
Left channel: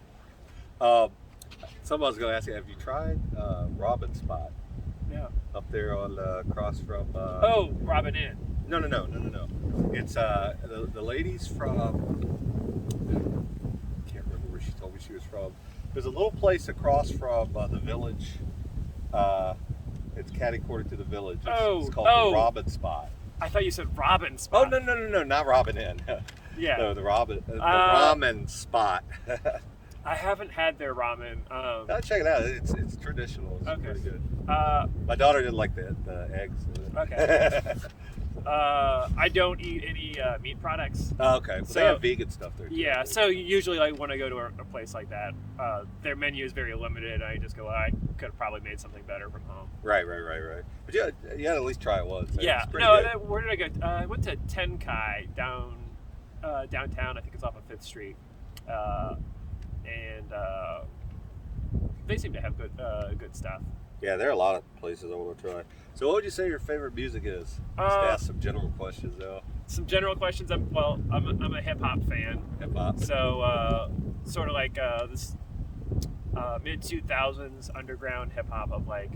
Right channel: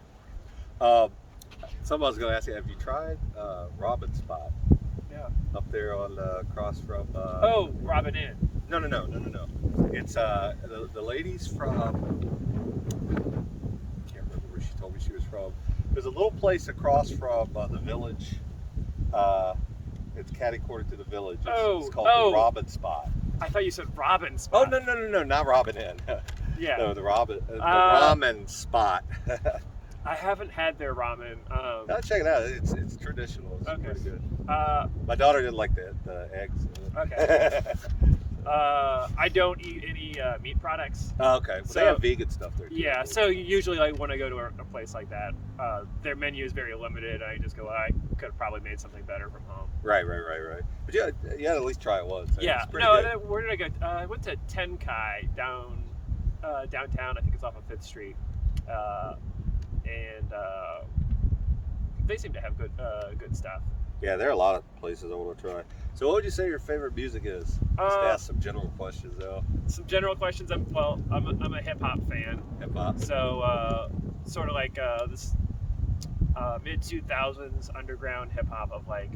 Someone's going to ask you, have you tried Robin Spot? Yeah. Up there on across from. Robin Inn. No. It's the ladies from. I can't remember where she told me she was from. There's a little place across from the village. It's catty-cornered to the village. It's called the Robin Spot. I thought you said Robin Spot. Oh no, not Robin Inn. Yeah. No, the ramen spot. I haven't had their ramen. I'll check it out. It's traditional. It's pretty good. My daughter didn't like the eggs. Okay. I don't eat any meat products. Okay. Well, So- they have vegan stuff there too. Yeah, so usually like when I go to a place like that, their menu is very limited. I just go, I could have probably made something better from home. Right. But yeah, you had to at least try it once. Yeah. It's pretty No, good. where did I go? I went to Tenkai downtown. I think it's off of 5th Street, and they seem to have good stuff. Yeah, there are a lot of places I want to try. So, what would you say your favorite music is? Just ask some general questions, though. Some general questions. I'm a hip hop fan. Hip hop. So sort of like this mid 2000s underground hip hop of like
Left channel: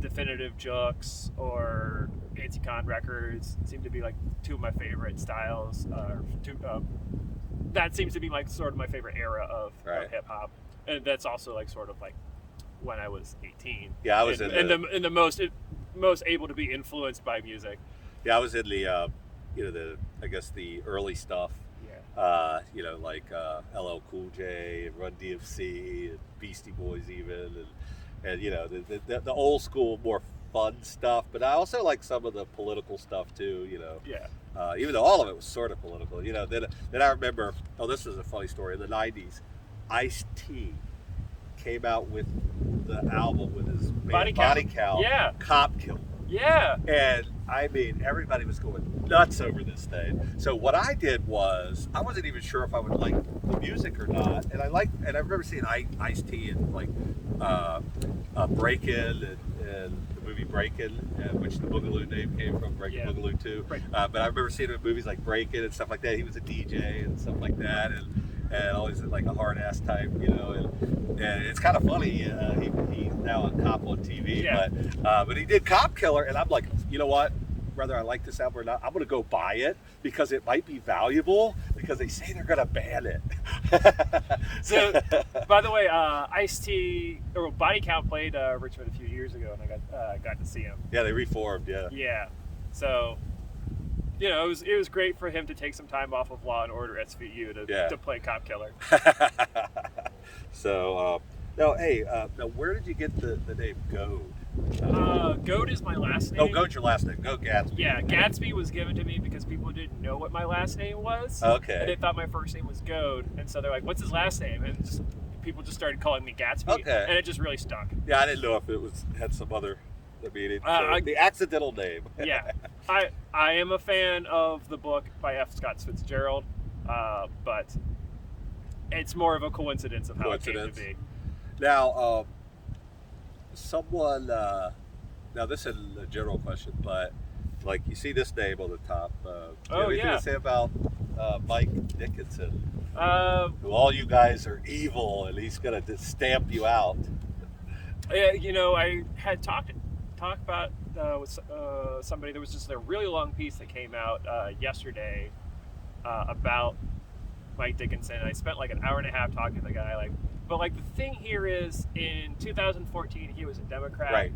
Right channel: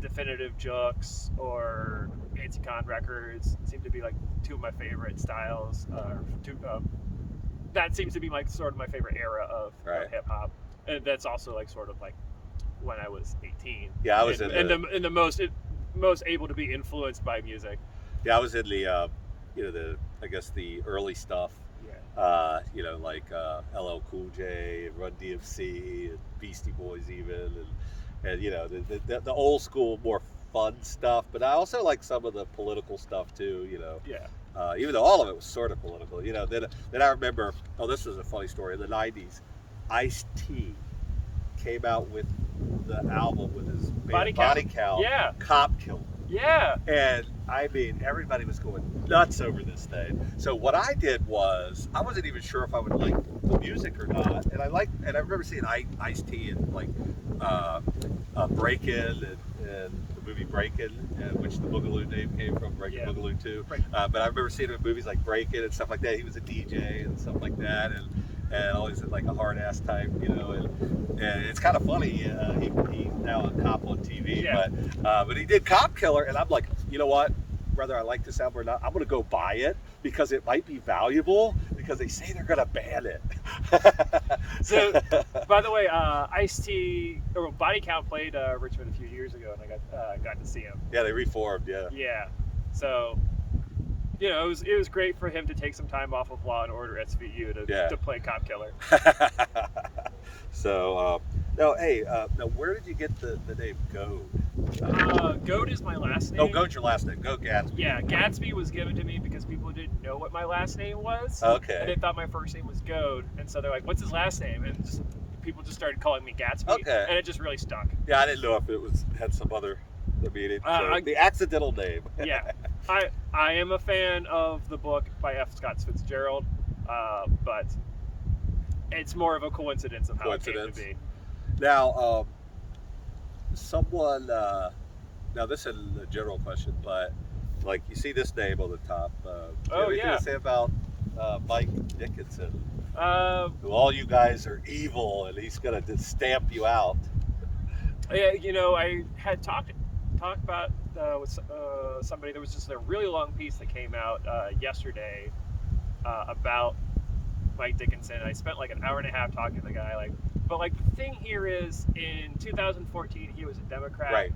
Definitive Jux or Anti-Con Records seem to be like two of my favorite styles. That seems to be like sort of my favorite era of hip hop, and that's also like sort of like when I was 18. Yeah, I was in the most able to be influenced by music. Yeah, I was in the I guess the early stuff. Yeah. Like LL Cool J and Run DMC and Beastie Boys even, and the old school more fun stuff. But I also like some of the political stuff too. Yeah. Even though all of it was sort of political. Then I remember. Oh, this is a funny story. In the '90s, Ice-T came out with the album with his band Body Count. Yeah. Cop Killer. Yeah. And I mean, everybody was going nuts over this thing. So what I did was, I wasn't even sure if I would like the music or not. And I remember seeing Ice-T in like Breakin' and the movie Breakin', which the Boogaloo name came from, Breakin' Boogaloo 2. But I remember seeing him in movies like Breakin' and stuff like that. He was a DJ and stuff like that, and always like a hard ass type, and it's kind of funny. He's now a cop on TV, but he did Cop Killer, and I'm like, you know what? Whether I like this album or not, I'm gonna go buy it because it might be valuable, because they say they're gonna ban it. So, by the way, Ice-T or Body Count played Richmond a few years ago, and I got to see him. Yeah, they reformed. Yeah. Yeah. So, it was great for him to take some time off of Law and Order SVU to play Cop Killer. So, now where did you get the name Goad? Goad is my last name. Oh, Goad's your last name. Goad Gatsby. Yeah, Gatsby was given to me because people didn't know what my last name was. Okay. And they thought my first name was Goad, and so they're like, "What's his last name?" And people just started calling me Gatsby. Okay. And it just really stuck. Yeah, I didn't know if it had some other meaning. The accidental name. Yeah, I am a fan of the book by F. Scott Fitzgerald, but it's more of a coincidence of how it came to be. Now, now this is a general question, but like you see this name on the top. Do you have anything to say about Mike Dickinson? Who all you guys are evil, and he's gonna just stamp you out. Yeah, I had talked about with somebody. There was just a really long piece that came out yesterday about Mike Dickinson. I spent like an hour and a half talking to the guy. But the thing here is, in 2014, he was a Democrat. Right.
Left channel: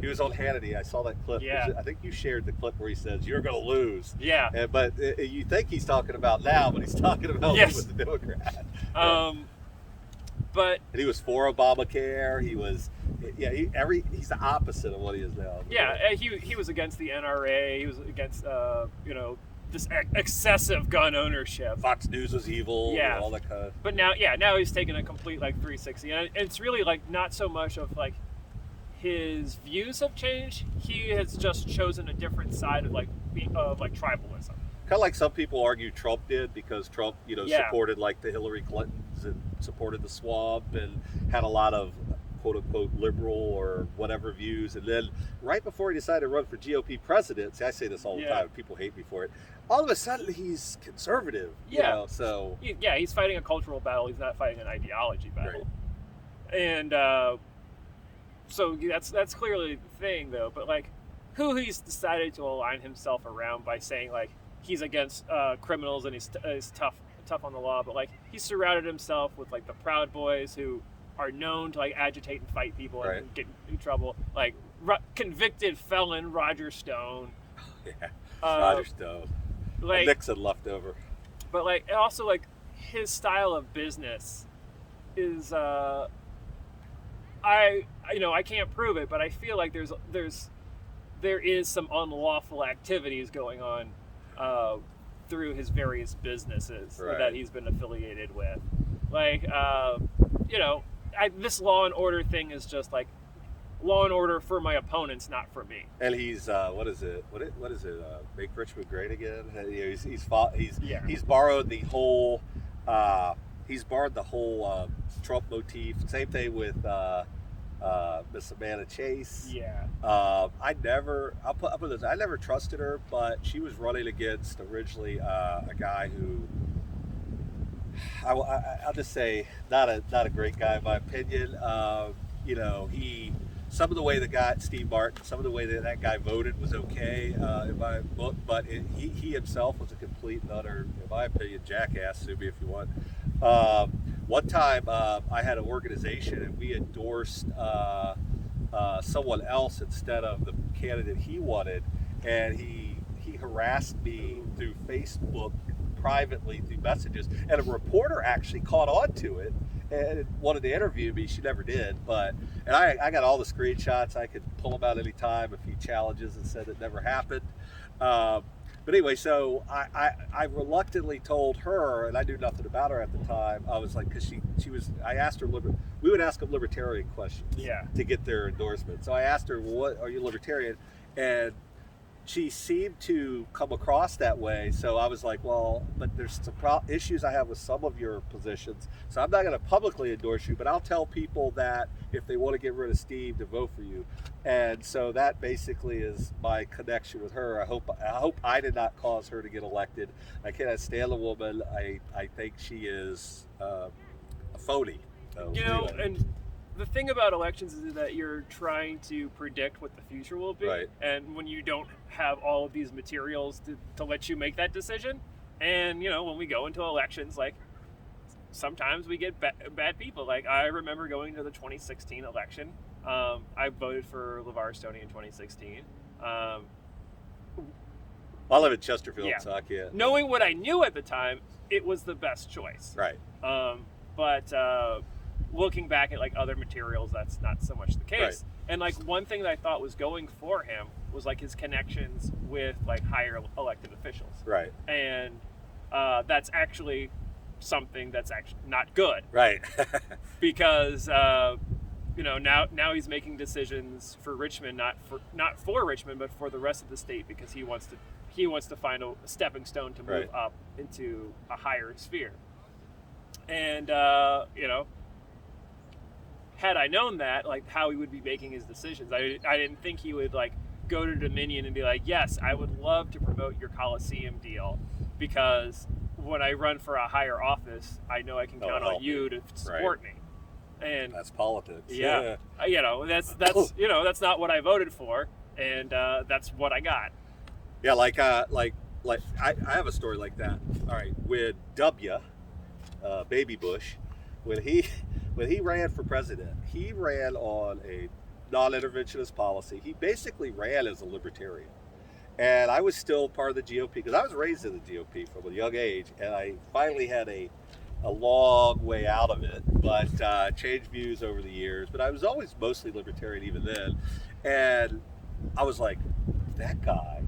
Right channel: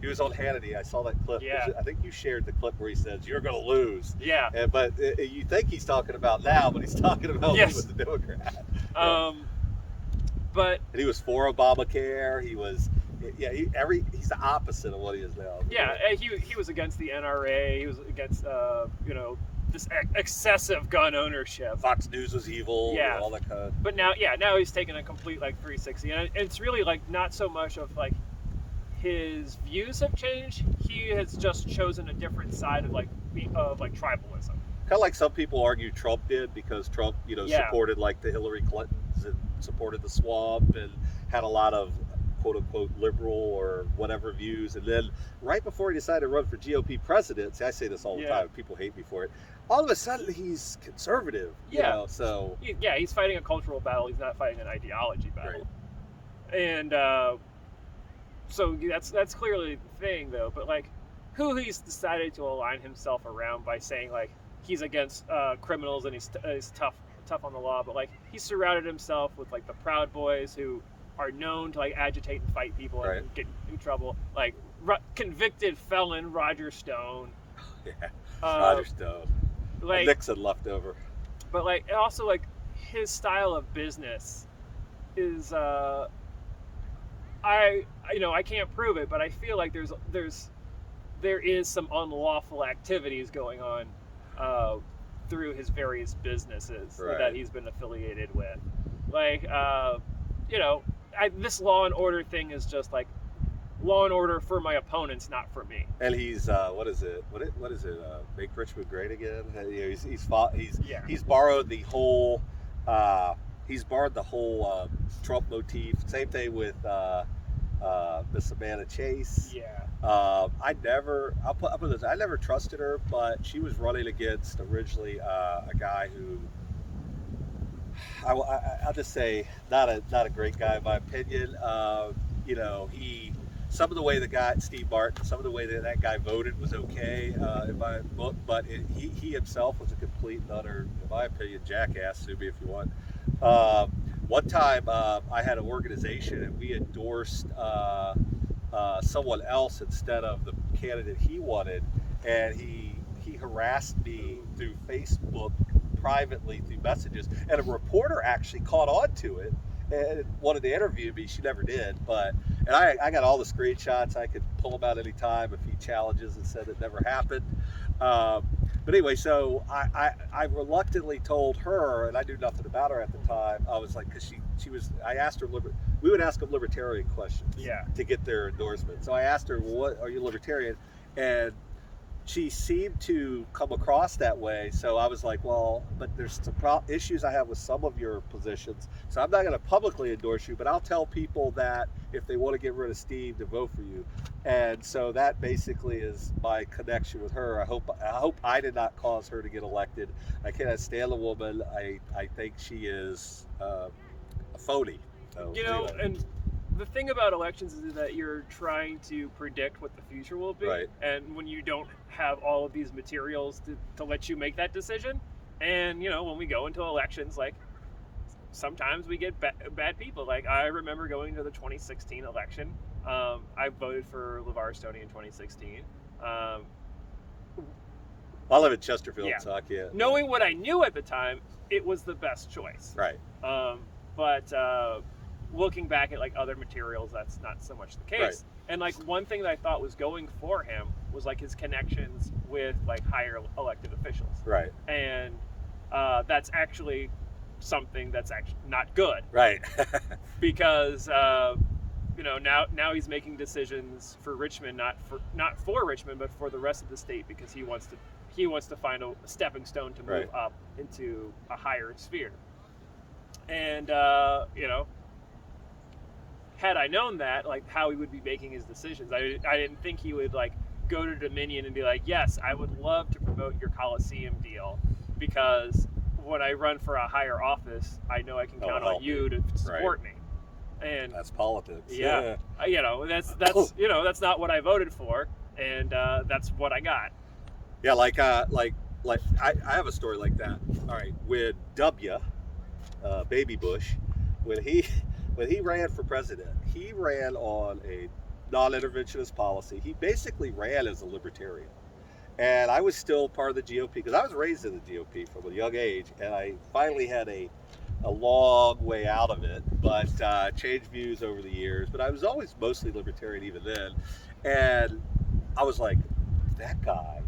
He was on Hannity. I saw that clip. Yeah. I think you shared the clip where he says, "You're going to lose." Yeah. But you think he's talking about now, but he's talking about he was a Democrat. But and he was for Obamacare. He was, he's the opposite of what he is now. Yeah, he was against the NRA. He was against this excessive gun ownership. Fox News was evil. Yeah. All that kind of. But now he's taking a complete 360, and it's really not so much of his views have changed. He has just chosen a different side of tribalism. Kind of like some people argue Trump did, because Trump, supported the Hillary Clintons and supported the swamp and had a lot of quote unquote liberal or whatever views, and then right before he decided to run for GOP presidency, I say this all the time, people hate me for it, all of a sudden he's conservative. So he's fighting a cultural battle. He's not fighting an ideology battle. Right. And so that's clearly the thing, though. But who he's decided to align himself around by saying he's against criminals and he's tough on the law, but he surrounded himself with the Proud Boys, who are known to agitate and fight people and get in trouble. Convicted felon Roger Stone. Yeah, Roger Stone. Nixon left over. But also his style of business is I can't prove it, but I feel like there is some unlawful activities going on through his various businesses that he's been affiliated with. This Law and Order thing is just Law and Order for my opponents, not for me. And he's what is it? Make Richmond Great Again. He's borrowed the whole Trump motif. Same thing with Miss Amanda Chase. Yeah. I never trusted her, but she was running against originally a guy who. I'll just say not a great guy in my opinion. Some of the way Steve Martin, some of the way that guy voted was okay in my book, but he himself was a complete and utter, in my opinion, jackass. Sue me if you want. One time I had an organization and we endorsed someone else instead of the candidate he wanted, and he harassed me through Facebook privately through messages, and a reporter actually caught on to it and wanted to interview me. She never did, and I got all the screenshots. I could pull them out anytime, a few challenges, and said it never happened. But anyway, so I reluctantly told her, and I knew nothing about her at the time. I was like, because she was, I asked her, we would ask them libertarian questions to get their endorsement. So I asked her, what are you libertarian? And she seemed to come across that way. So I was like, well, but there's some issues I have with some of your positions. So I'm not going to publicly endorse you, but I'll tell people that if they want to get rid of Steve, to vote for you. And so that basically is my connection with her. I hope I did not cause her to get elected. I cannot stand the woman. I think she is a phony. So, anyway. And the thing about elections is that you're trying to predict what the future will be. Right. And when you don't have all of these materials to let you make that decision, and when we go into elections, like sometimes we get bad people. Like I remember going to the 2016 election. I voted for LeVar Stoney in 2016. I live in Chesterfield, so I can't. Knowing what I knew at the time, it was the best choice. Right. But looking back at like other materials, that's not so much the case. Right. And like one thing that I thought was going for him was like his connections with like higher elected officials. Right. And that's actually something that's actually not good. Right. Because now he's making decisions for Richmond, not for Richmond, but for the rest of the state, because he wants to find a stepping stone to move up into a higher sphere. And had I known that, like how he would be making his decisions, I didn't think he would like go to Dominion and be like, yes, I would love to promote your Coliseum deal, because when I run for a higher office, I know I can count on you to support me. And that's politics. Yeah. That's not what I voted for, and that's what I got. Yeah, like I have a story like that. All right, with Baby Bush, when he ran for president, he ran on a non-interventionist policy. He basically ran as a libertarian. And I was still part of the GOP because I was raised in the GOP from a young age, and I finally had a long way out of it, but changed views over the years. But I was always mostly libertarian even then. And I was like, that guy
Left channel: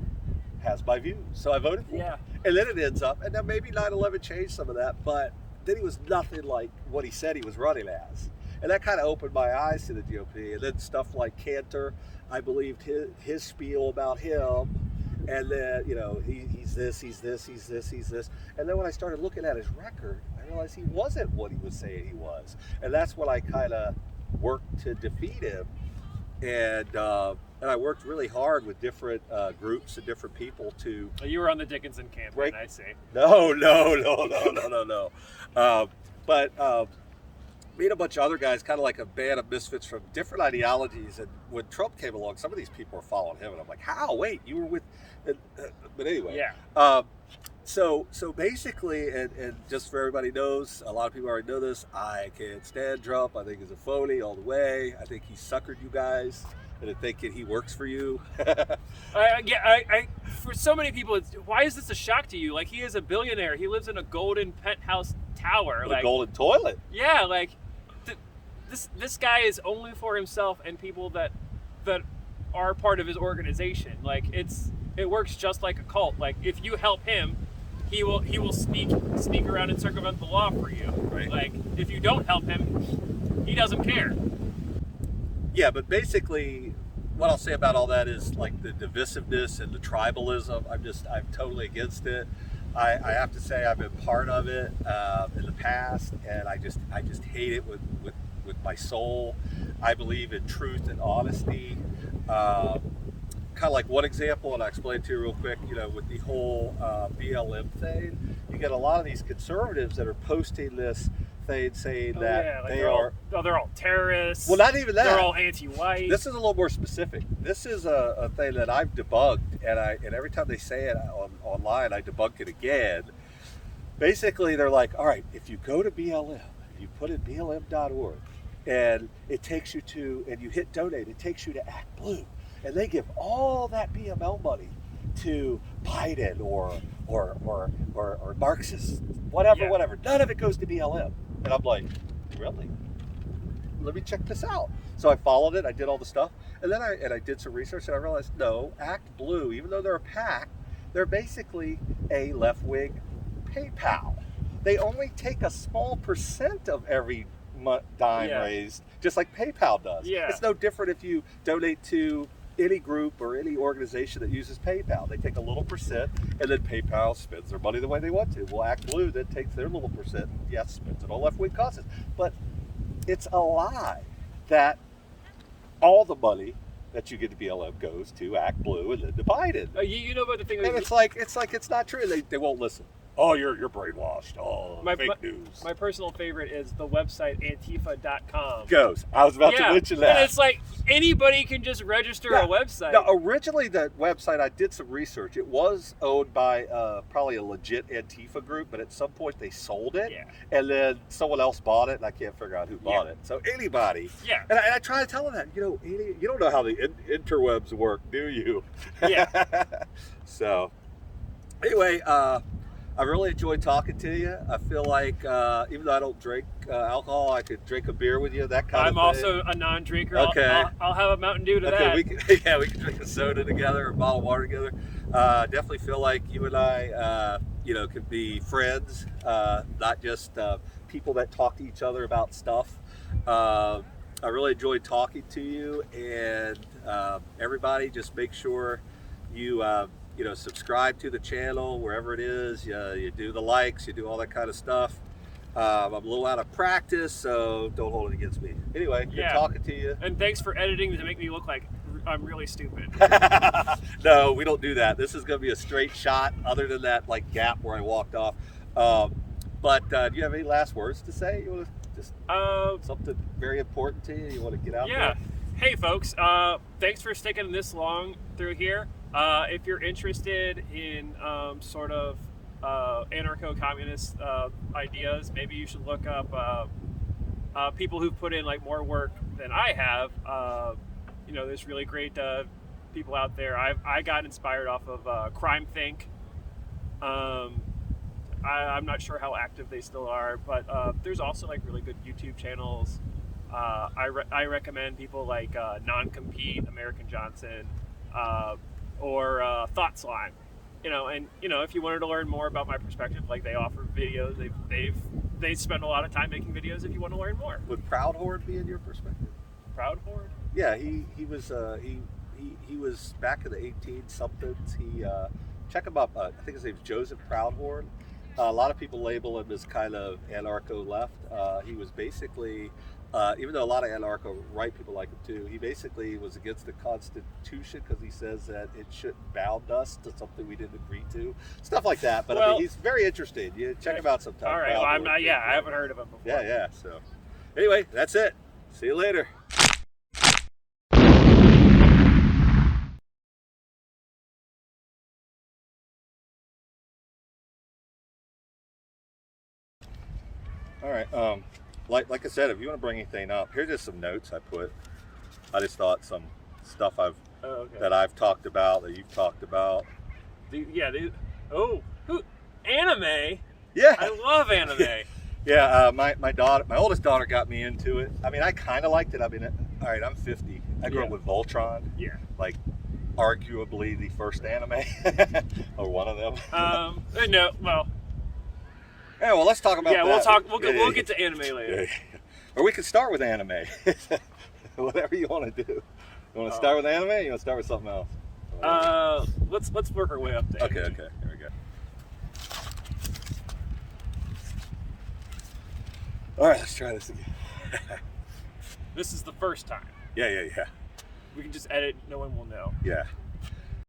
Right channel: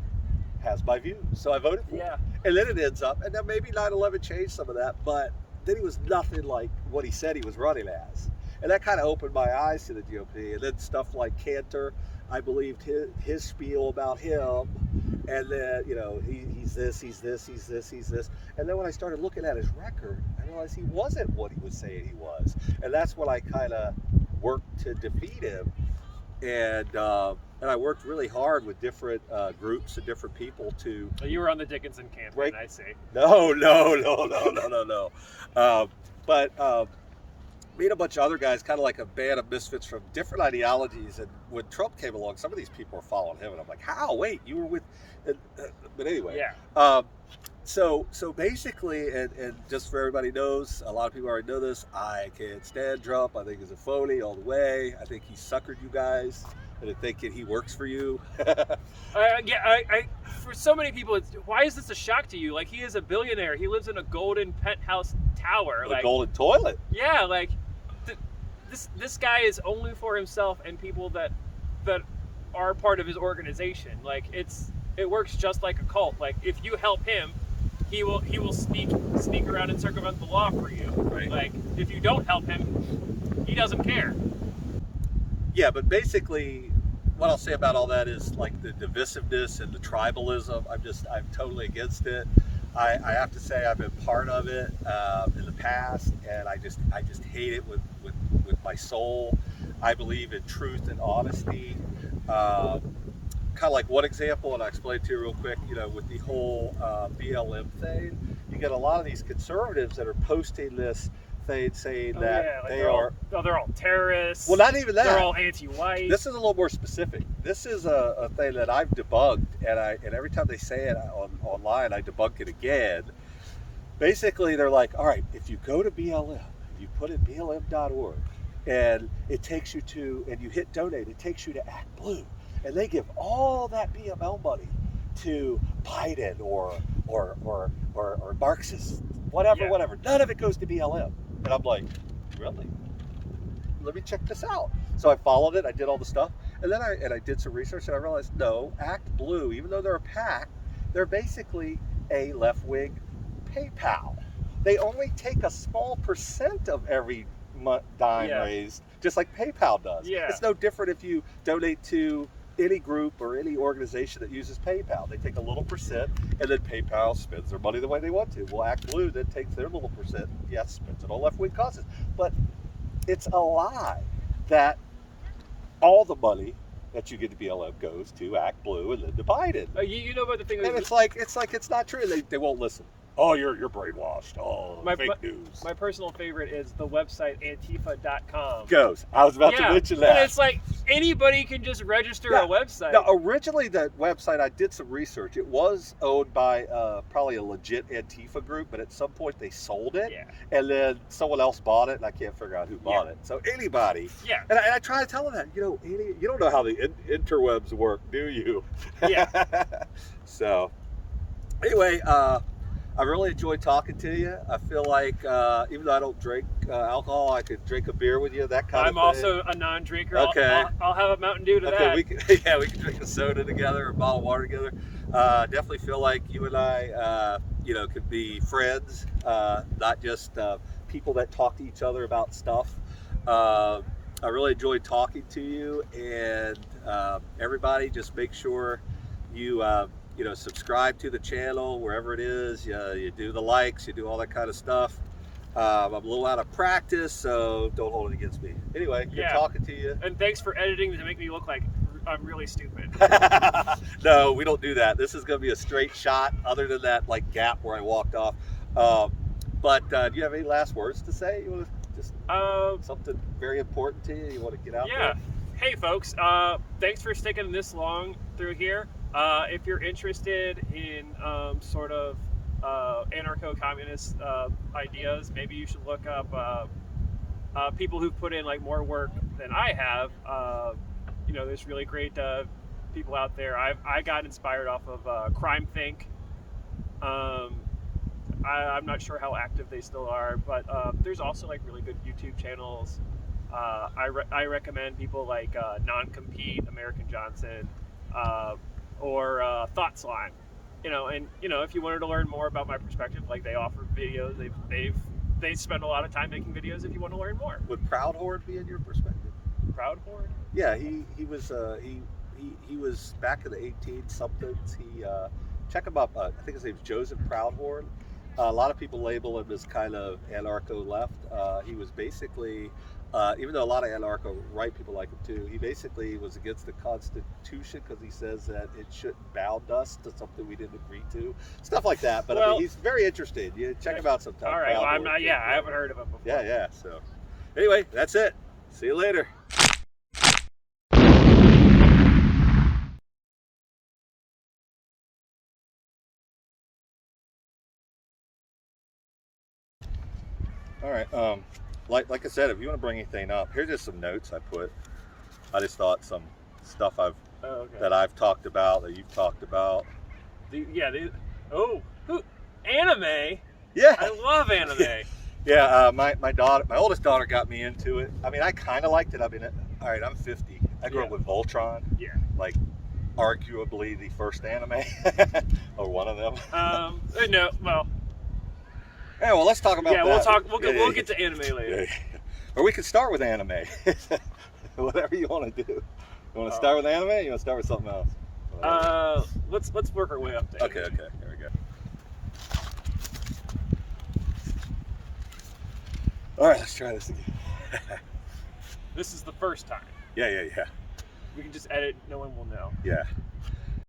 has my views. So I voted for him. And then it ends up, and then maybe 9/11 changed some of that, but then he was nothing like what he said he was running as. And that kind of opened my eyes to the GOP. And then stuff like Cantor, I believed his spiel about him. And then, he's this, he's this, he's this, he's this. And then when I started looking at his record, I realized he wasn't what he was saying he was. And that's when I kind of worked to defeat him. And I worked really hard with different groups and different people to... Well, you were on the Dickinson campaign, I see. No. But me and a bunch of other guys, kind of like a band of misfits from different ideologies. And when Trump came along, some of these people were following him. And I'm like, how? Wait, you were with... but anyway. Yeah. So basically, and just for everybody knows, a lot of people already know this, I can't stand Trump. I think he's a phony all the way. I think he suckered you guys into thinking he works for you. For so many people, why is this a shock to you? Like, he is a billionaire. He lives in a golden penthouse tower. A golden toilet. Yeah, like, this guy is only for himself and people that are part of his organization. Like, it works just like a cult. Like, if you help him, he will sneak around and circumvent the law for you. Right. Like, if you don't help him, he doesn't care. Yeah, but basically, what I'll say about all that is like the divisiveness and the tribalism. I'm totally against it. I have to say I've been part of it in the past, and I just hate it with my soul. I believe in truth and honesty. Kind of like one example, and I'll explain to you real quick, with the whole BLM thing, you get a lot of these conservatives that are posting this thing saying that they're all terrorists. Well, not even that. They're all anti-white. This is a little more specific. This is a thing that I've debunked, and every time they say it online, I debunk it again. Basically, they're like, all right, if you go to BLM, you put in BLM.org, and it takes you to, and you hit donate, it takes you to Act Blue. And they give all that BML money to Biden or Marxist, whatever. None of it goes to BLM. And I'm like, really? Let me check this out. So I followed it. I did all the stuff, and then I did some research, and I realized no, Act Blue, even though they're a PAC, they're basically a left-wing PayPal. They only take a small percent of every dime raised, just like PayPal does. Yeah. It's no different if you donate to any group or any organization that uses PayPal. They take a little percent, and then PayPal spends their money the way they want to. Well, Act Blue then takes their little percent, yes, spends it on left-wing causes. But it's a lie that all the money that you get to BLM goes to Act Blue and then to Biden. You know about the thing, And it's like it's not true. They won't listen. Oh, you're brainwashed. Oh, fake news. My personal favorite is the website Antifa.com. Goes. I was about to mention that. And it's like anybody can just register a website. Now, originally, that website, I did some research. It was owned by probably a legit Antifa group, but at some point they sold it. Yeah. And then someone else bought it, and I can't figure out who bought it. So anybody. Yeah. And I try to tell them that, you don't know how the interwebs work, do you? Yeah. So, anyway, I really enjoyed talking to you. I feel like even though I don't drink alcohol, I could drink a beer with you, that kind of thing. I'm also a non-drinker. Okay. I'll have a Mountain Dew to that. We can drink a soda together, or a bottle of water together. Definitely feel like you and I, could be friends, not just people that talk to each other about stuff. I really enjoyed talking to you, and everybody, just make sure you subscribe to the channel wherever it is. You do the likes, you do all that kind of stuff. I'm a little out of practice, so don't hold it against me. Anyway, good talking to you. And thanks for editing to make me look like I'm really stupid. No, we don't do that. This is going to be a straight shot, other than that gap where I walked off. But do you have any last words to say? You want to just something very important to you? You want to get out there? Hey, folks. Thanks for sticking this long through here. If you're interested in sort of anarcho-communist ideas, maybe you should look up people who've put in more work than I have. There's really great people out there. I got inspired off of Crime Think. I'm not sure how active they still are, but there's also really good YouTube channels. I recommend people like Non-Compete, American Johnson, or Thought Slime. If you wanted to learn more about my perspective, they offer videos. They spend a lot of time making videos if you want to learn more. Would Proud Horde be in your perspective? Proud Horde? Yeah, he was back in the 18-somethings. Check him up. I think his name's Joseph Proudhorn. A lot of people label him as kind of anarcho-left. He was basically, even though a lot of anarcho-right people like him too, he basically was against the Constitution because he says that it shouldn't bound us to something we didn't agree to. Stuff like that. But he's very interesting. You check him out sometime. All right. Well, I'm not. I haven't heard of him before. Yeah. So, anyway, that's it. See you later. All right. Like I said, if you want to bring anything up, here's just some notes I put. I just thought some stuff that I've talked about, that you've talked about. Anime? Yeah. I love anime. Yeah. My oldest daughter got me into it. I mean, I kind of liked it. I mean, all right, I'm 50. I grew up with Voltron. Yeah. Arguably the first anime, or one of them. No. Well. Yeah, well, let's talk about that. We'll get to anime later. Yeah. Or we can start with anime. Whatever you want to do. You want to start with anime, or you want to start with something else? Let's work our way up to Okay. Here we go. All right, let's try this again. This is the first time. Yeah. We can just edit. No one will know. Yeah.